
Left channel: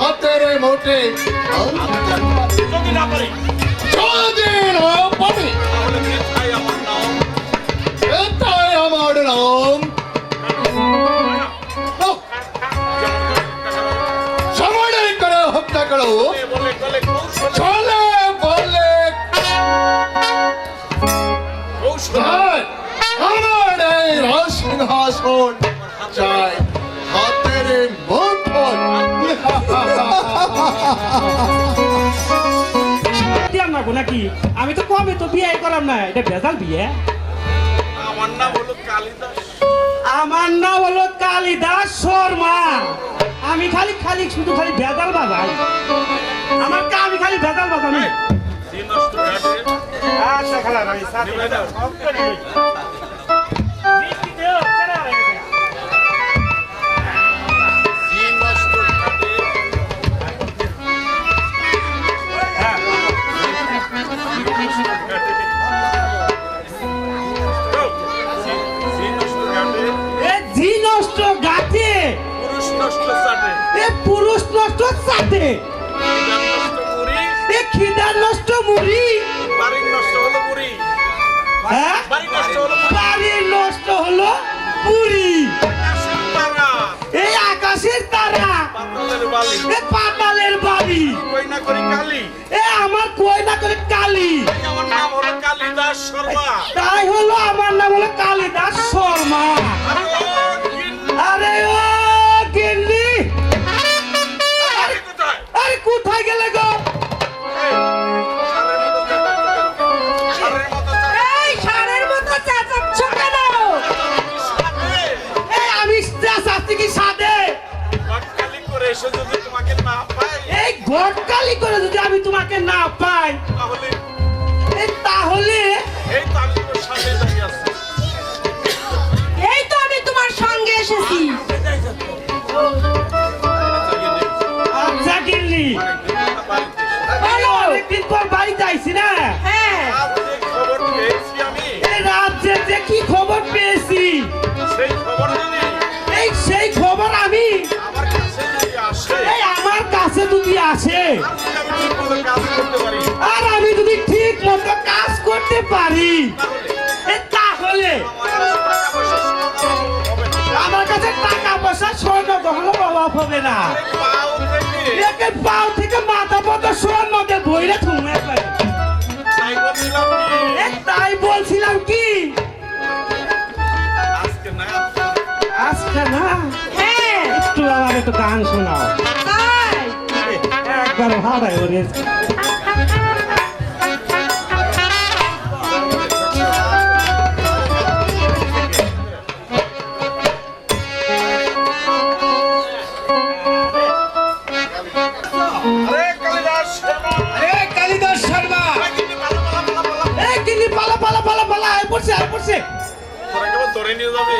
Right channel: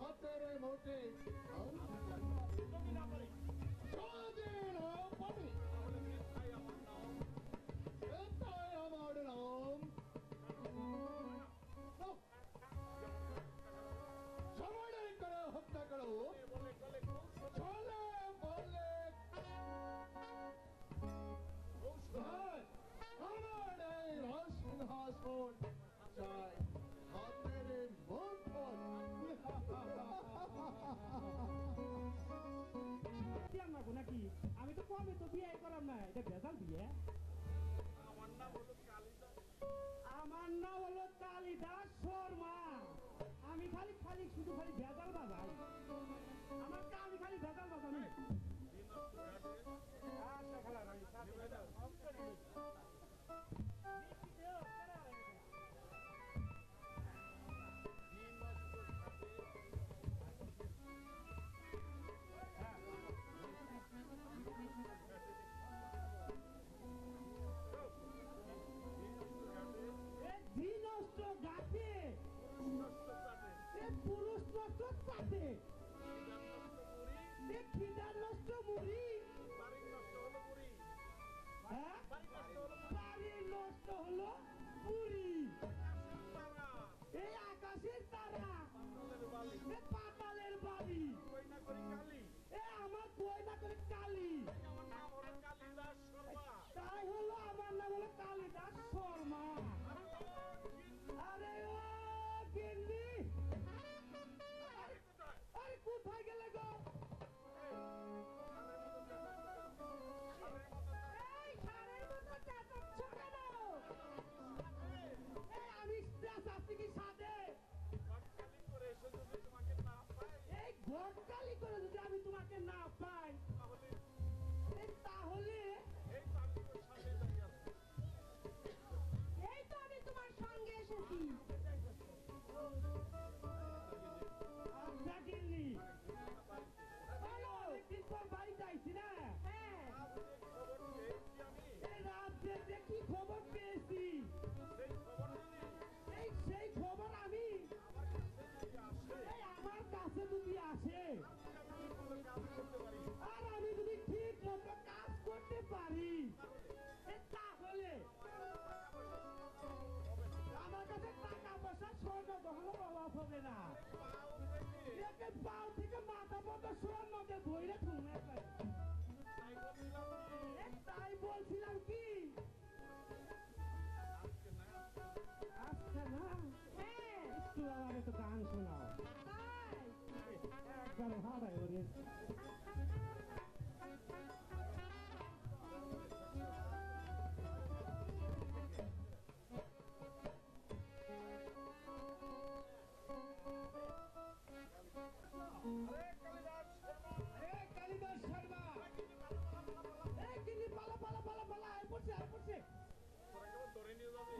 হাতের মোটে যদি না পারি এটাই আমার নাম। সময় করে হত্যা করো চলে বলে আমার এই রাজসিংহাসন চাই হাতের মুঠোয়। নাকি আমি তো কবে তো বিয়ে করাম না, এটা ভেজাল বিয়ে। আমার নাম হলো কালিদাস। আমার নাম হলো কালিদাস শর্মা। আমি খালি খালি শুধু খালি ভেজাল বাজাই। আমার আমি খালি ভেজাল বাজাই। আচ্ছা খালা ভাই সাথে পুরুষ নষ্ট চাটে, খিদার নষ্ট মুড়ি, বাড়ির নষ্ট হলো বুড়ি, হ্যাঁ বাড়ির নষ্ট হলো পুরি, এই আকাশের তারা, এ পাতালের বাড়ি, কইনা করি কালি। এ আমার কই না করে কালি। আমার নাম হলো কালিদাস শর্মা। তাই হলো আমার নাম হলো কালিদাস শর্মা। আরে ও গিন্নি, আরে কোথায় গেলে গো? এই ষাঁড়ের মতো চেঁচাচ্ছ কেন? এই আমি চাচ্ছি কি সাদে গটকালি করে এসে যদি তোমাকে না পাই, এই গটকালি করে যদি আমি তোমাকে না পাই, তাহলে তাহলে এই তো আমি তোমার সামনে দাঁড়িয়ে আছি। এই তো আমি তোমার সঙ্গে এসেছি। আচ্ছা গিন্নি, বলো। অনেকদিন পর বাড়িতে আইছি না, হ্যাঁ, আজ যে খবর পেয়েছি আমি, এই রাজ্যে যে কি খবর পেয়েছি, সেই খবর যদি সেই খবর আমি আমার কাছে যদি আসে, এই আমার কাছে যদি আসে, আমি ঠিকমতো কাজ করতে পারি, আর আমি যদি ঠিক মতো কাজ করতে পারি, তাহলে আমার কাছে টাকা পয়সা স্বর্ণ গহনা অভাব হবে না। পাও থেকে একে পাও থেকে মাথা পর্যন্ত স্বর্ণ দিয়ে ধরে থুমে পারে। তাই বলছিলাম কি, তাই বলছিলাম কি, আজকে না আজকে না হ্যাঁ, একটু আমার একটু গান শোনাও, তাই। একবার ভাড়ায় ওরে। আরে কালিদাস শর্মা, আরে কালিদাস শর্মা, এই কিনি পালা পালা পালা পালা আয় পড়ছে আয় পড়ছে, তোরা কেবল ধরে নিয়ে যাবে,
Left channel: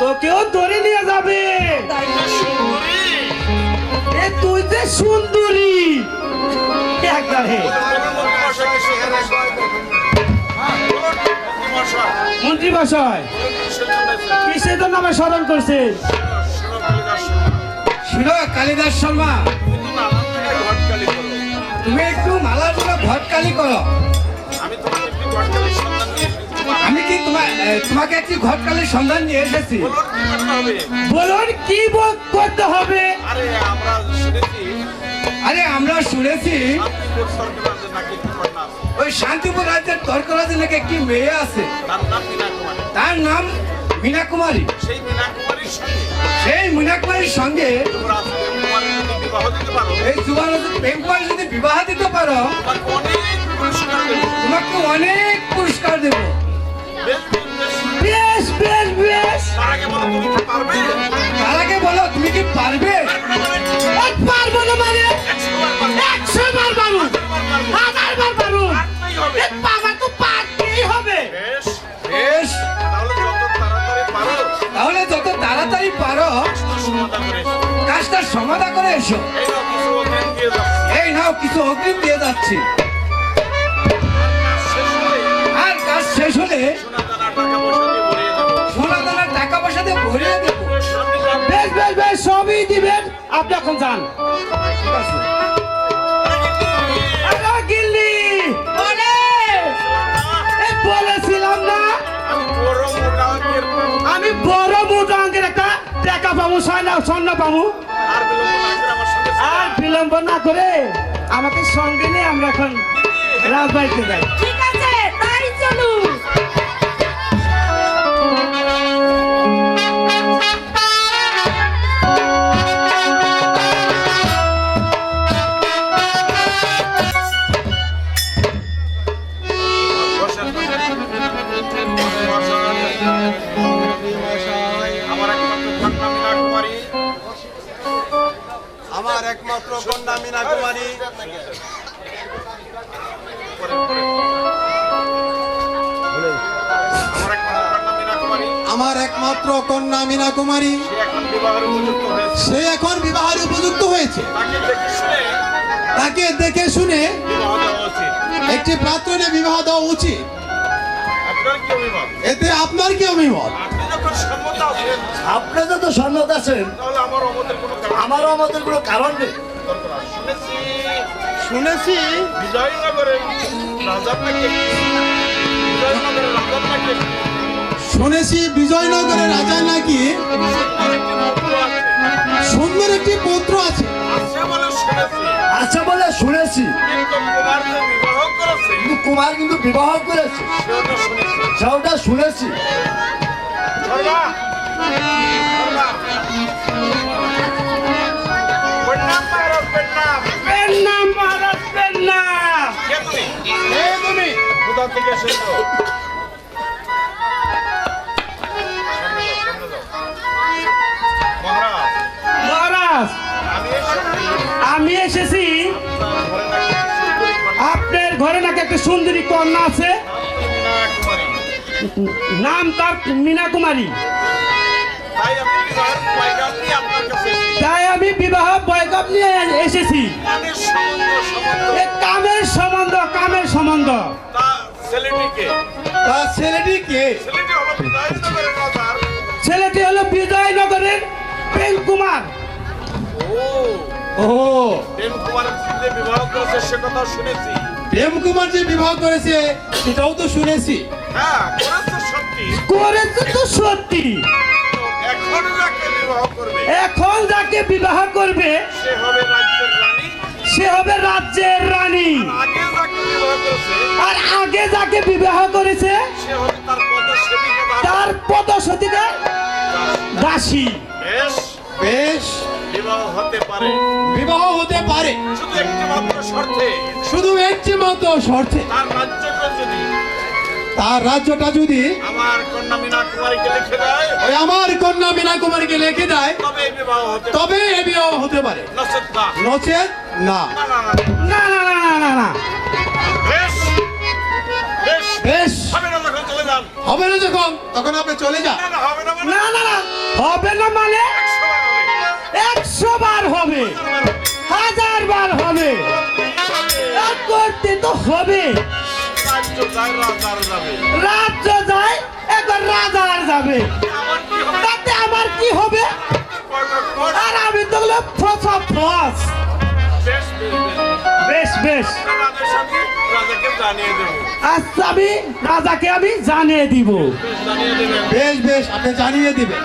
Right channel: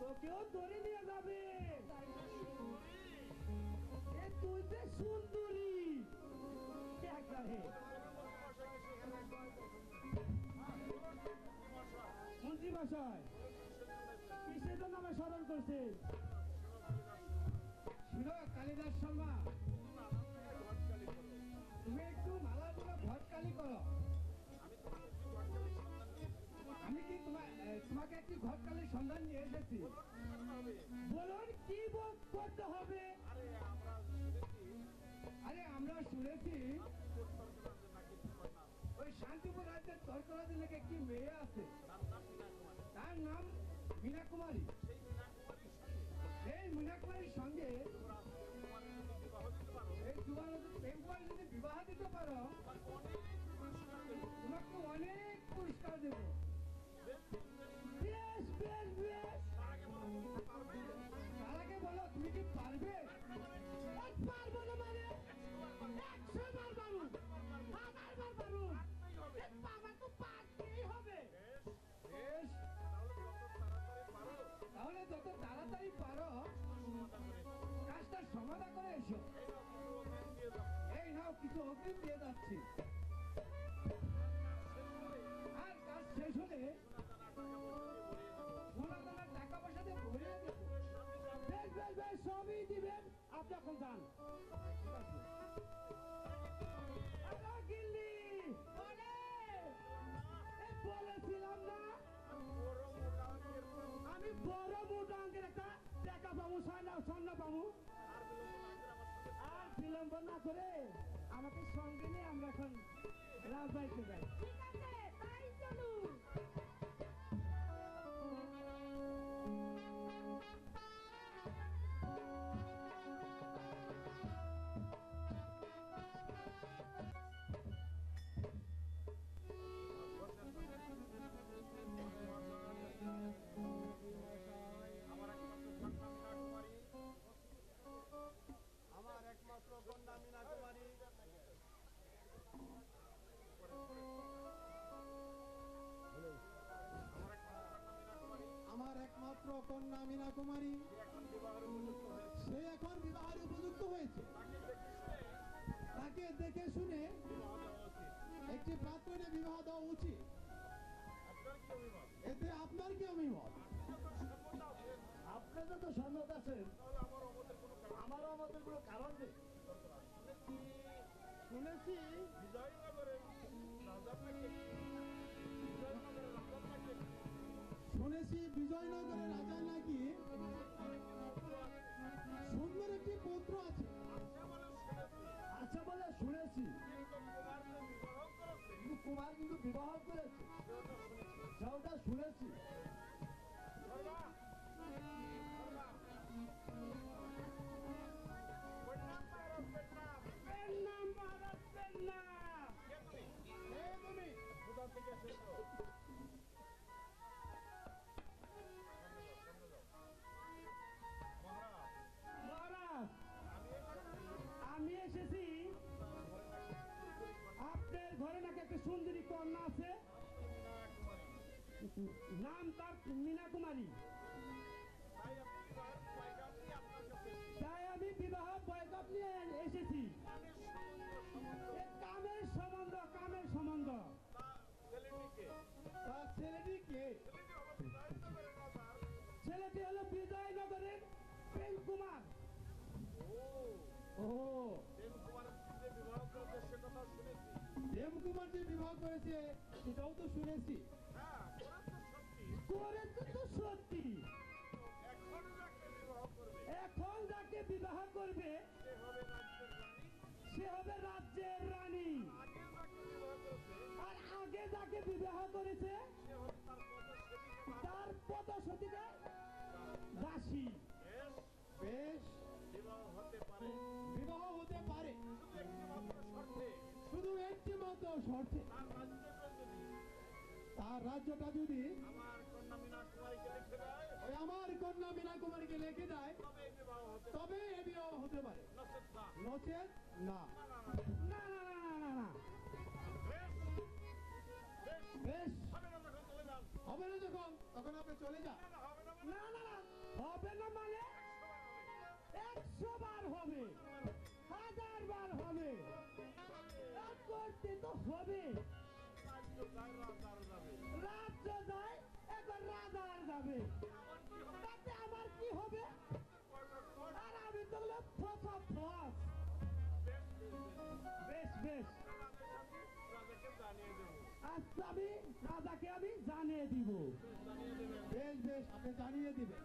তোকেও ধরে নিয়ে যাবে। সুন্দরী, এ তুই যে সুন্দরী একবার হে মশাইকে সেখানে মন্ত্রী মশাই কিসের জন্য আমার স্মরণ করছে? শুনো কালিদাস শর্মা, ঘটকালি করো, তুমি একটু মালার জন্য ঘটকালি করো। আমি তোমাকে একটি ঘটকালির সন্ধান দিয়ে এসেছি। আমি কি তোমাকে একটি ঘটকালির সন্ধান নিয়ে এসেছি। বলুন কি করতে হবে? বলুন কি করতে হবে? আরে আমরা শুনেছি আরে আমরা শুনেছি শান্তিপুর সরকার নাকি একটি কন্যা আছে। ওই শান্তিপুর রাজ্যের তর্করাজে নাকি একটি মেয়ে আছে, তার নাম মীনা কুমারী। তার নাম মীনা কুমারী। সেই মীনা কুমারীর সঙ্গে সেই মীনা কুমারীর সঙ্গে তোমরা আজকে কুমারী যদি বিবাহ দিতে পারো, এই যুবরাজ প্রেম কুমারী যদি বিবাহ দিতে পারো, তোমাকে অনেক পুরস্কার দেবো। তোমাকে অনেক পুরস্কার দেব। বেশ বেশ বেশ। বেশ বেশ বেশ, তার আগে বলো তুমি কি পারবে? তার আগে বলো তুমি কি পারবে? আর পারবো না মানে 100 বার 100 বার পারবে। পারবো, 1000 বার পারবো, পারতেই হবে। এ বাবা তো পারতেই হবে। বেশ, বেশ, তাহলে যত তাড়াতাড়ি পারো তাহলে যত তাড়াতাড়ি পারো কাজটা সমাধান করে এসো। কাজটার সমাধা করে এসো। এই নাও কিছু অগ্রিম দিয়ে এই যাচ্ছি। নাও কিছু অগ্রিম দিয়ে যাচ্ছি। আর কাজ শেষ হলে আর কাজ শেষ হলে সোনা দানা টাকা পয়সা দিয়ে ভরিয়ে দেবো। সোনা দানার টাকা পয়সা দিয়ে ভরিয়ে দেবো। বেশ বেশ বেশ, সবই দিবেন, আপনি এখন যান। ঠিক আছে। আরে গিল্লি, বলে। এ বলেছিলাম না আমি বড় মোটা অঙ্কের একটা টাকা পাবো, স্বর্ণ পাবো। আর বিলম্ব না করে আমাকে সঙ্গে নিয়ে আমরা এখন রাজবাড়িতে যাই। ঠিক আছে, তাই চলুন। আমার একমাত্র কন্যা মীনা কুমারী, আমার একমাত্র কন্যা মীনা কুমারী, সে এখন বিবাহের উপযুক্ত সে হয়েছে। এখন বিবাহের উপযুক্ত হয়েছে। তাকে দেখে শুনে তাকে দেখে শুনে বিবাহ দেওয়া উচিত। একটি পাত্রে বিবাহ দেওয়া উচিত। আপনার কি অভিমত? এতে আপনার কি অভিমত? আপনি যখন সম্মত আছেন, আপনি যত সম্মত আছেন, তাহলে আমার অমতের কোনো কারণ আমারও আমাদের কোনো কারণ নেই। দরকার। শুনেছি বিজয়নগরের রাজার নাকি বিজয়নগরের রাজার নাকি শুনেছি বিজয়নগরের রাজা নাকি সুন্দর একটি পুত্র আছে। আছে বলে শুনেছি, আচ্ছা বলে শুনেছি, কিন্তু কুমার যে বিবাহ করেছে কিন্তু কুমার কিন্তু বিবাহ করেছে, সেটা শুনেছি। সেটা শুনেছি। ধর্মা, ধর্মা। প্রণাম মহারাজ, প্রণাম। পেন্নাম মহারাজ, পেন্নাম। কে তুমি? তুমি কোথা থেকে এসেছো? মহারাজ, মহারাজ, আমি আমি এসেছি এসেছি, আপনার ঘরে নাকি আপনার ঘরে নাকি সুন্দরী কন্যা। একটা সুন্দরী কন্যা আছে, মীনা কুমারী। নাম তার মীনা কুমারী। তাই আপনি বিবাহ কানের সম্বন্ধ এ কামের সম্বন্ধ, কামের সম্বন্ধ। তা ছেলেটিকে তা ছেলেটি কে? ছেলেটি হলো বিজয়নগরের রাজার। ছেলেটি হলো বিজয়নগরের প্রেম কুমার। ও ও প্রেম কুমার যে বিবাহ করেছে সে কথা শুনেছি। প্রেম কুমার যে বিবাহ করেছে সেটাও তো শুনেছি। হ্যাঁ করেছে সত্যি। করেছে তো সত্যি। তো এখন যাকে বিবাহ করবে এখন যাকে বিবাহ করবে সে হবে রাজ্যের রানী। সে হবে রাজ্যের রানী। আগে যাকে বিবাহ করেছে আর আগে যাকে বিবাহ করেছে সে হবে তার পদসেবিকা বা তার পদসতিকা দাসী। বেশ বেশ, বিবাহ হতে পারে, বিবাহ হতে পারে, শুধু একটি মাত্র শর্তে। শুধু একটি মাত্র শর্তে। তার রাজ্যটা যদি তার রাজ্যটা যদি আমার কন্যা মীনা কুমারীকে লিখে দেয় ওই আমার কন্যা মীনা কুমারীকে লিখে দেয় তবে এই বিবাহ হতে পারে। তবে এ বিবাহ হতে পারে, নচেৎ না। নচেৎ না। না, না, না। না না না না না না। বেশ বেশ বেশ, হবে না যখন চলে যান। হবে না যখন তখন আপনি চলে যান। না, না, হবে না মানে না না না হবে না মানে 100 বার হবে। 100 বার হবে, 1000 বার হবে, এক করতে তো হবে। রাজ্য যায়, রাজার যাবে। রাজ্য যায় একবার রাজার যাবে, আমার কি হবে? তাতে আমার কি হবে? কয়টা কোট? আর আমি তো হলো ফসা ফস। বেশ, বেশ, বেশ। বেশ বেশ, রাজার সাথে রাজাকে জানিয়ে দেবো। আচ্ছা আমি রাজাকে আমি জানিয়ে দিব। বেশ, জানিয়ে দেবেন। বেশ বেশ, আপনি জানিয়ে দিবেন।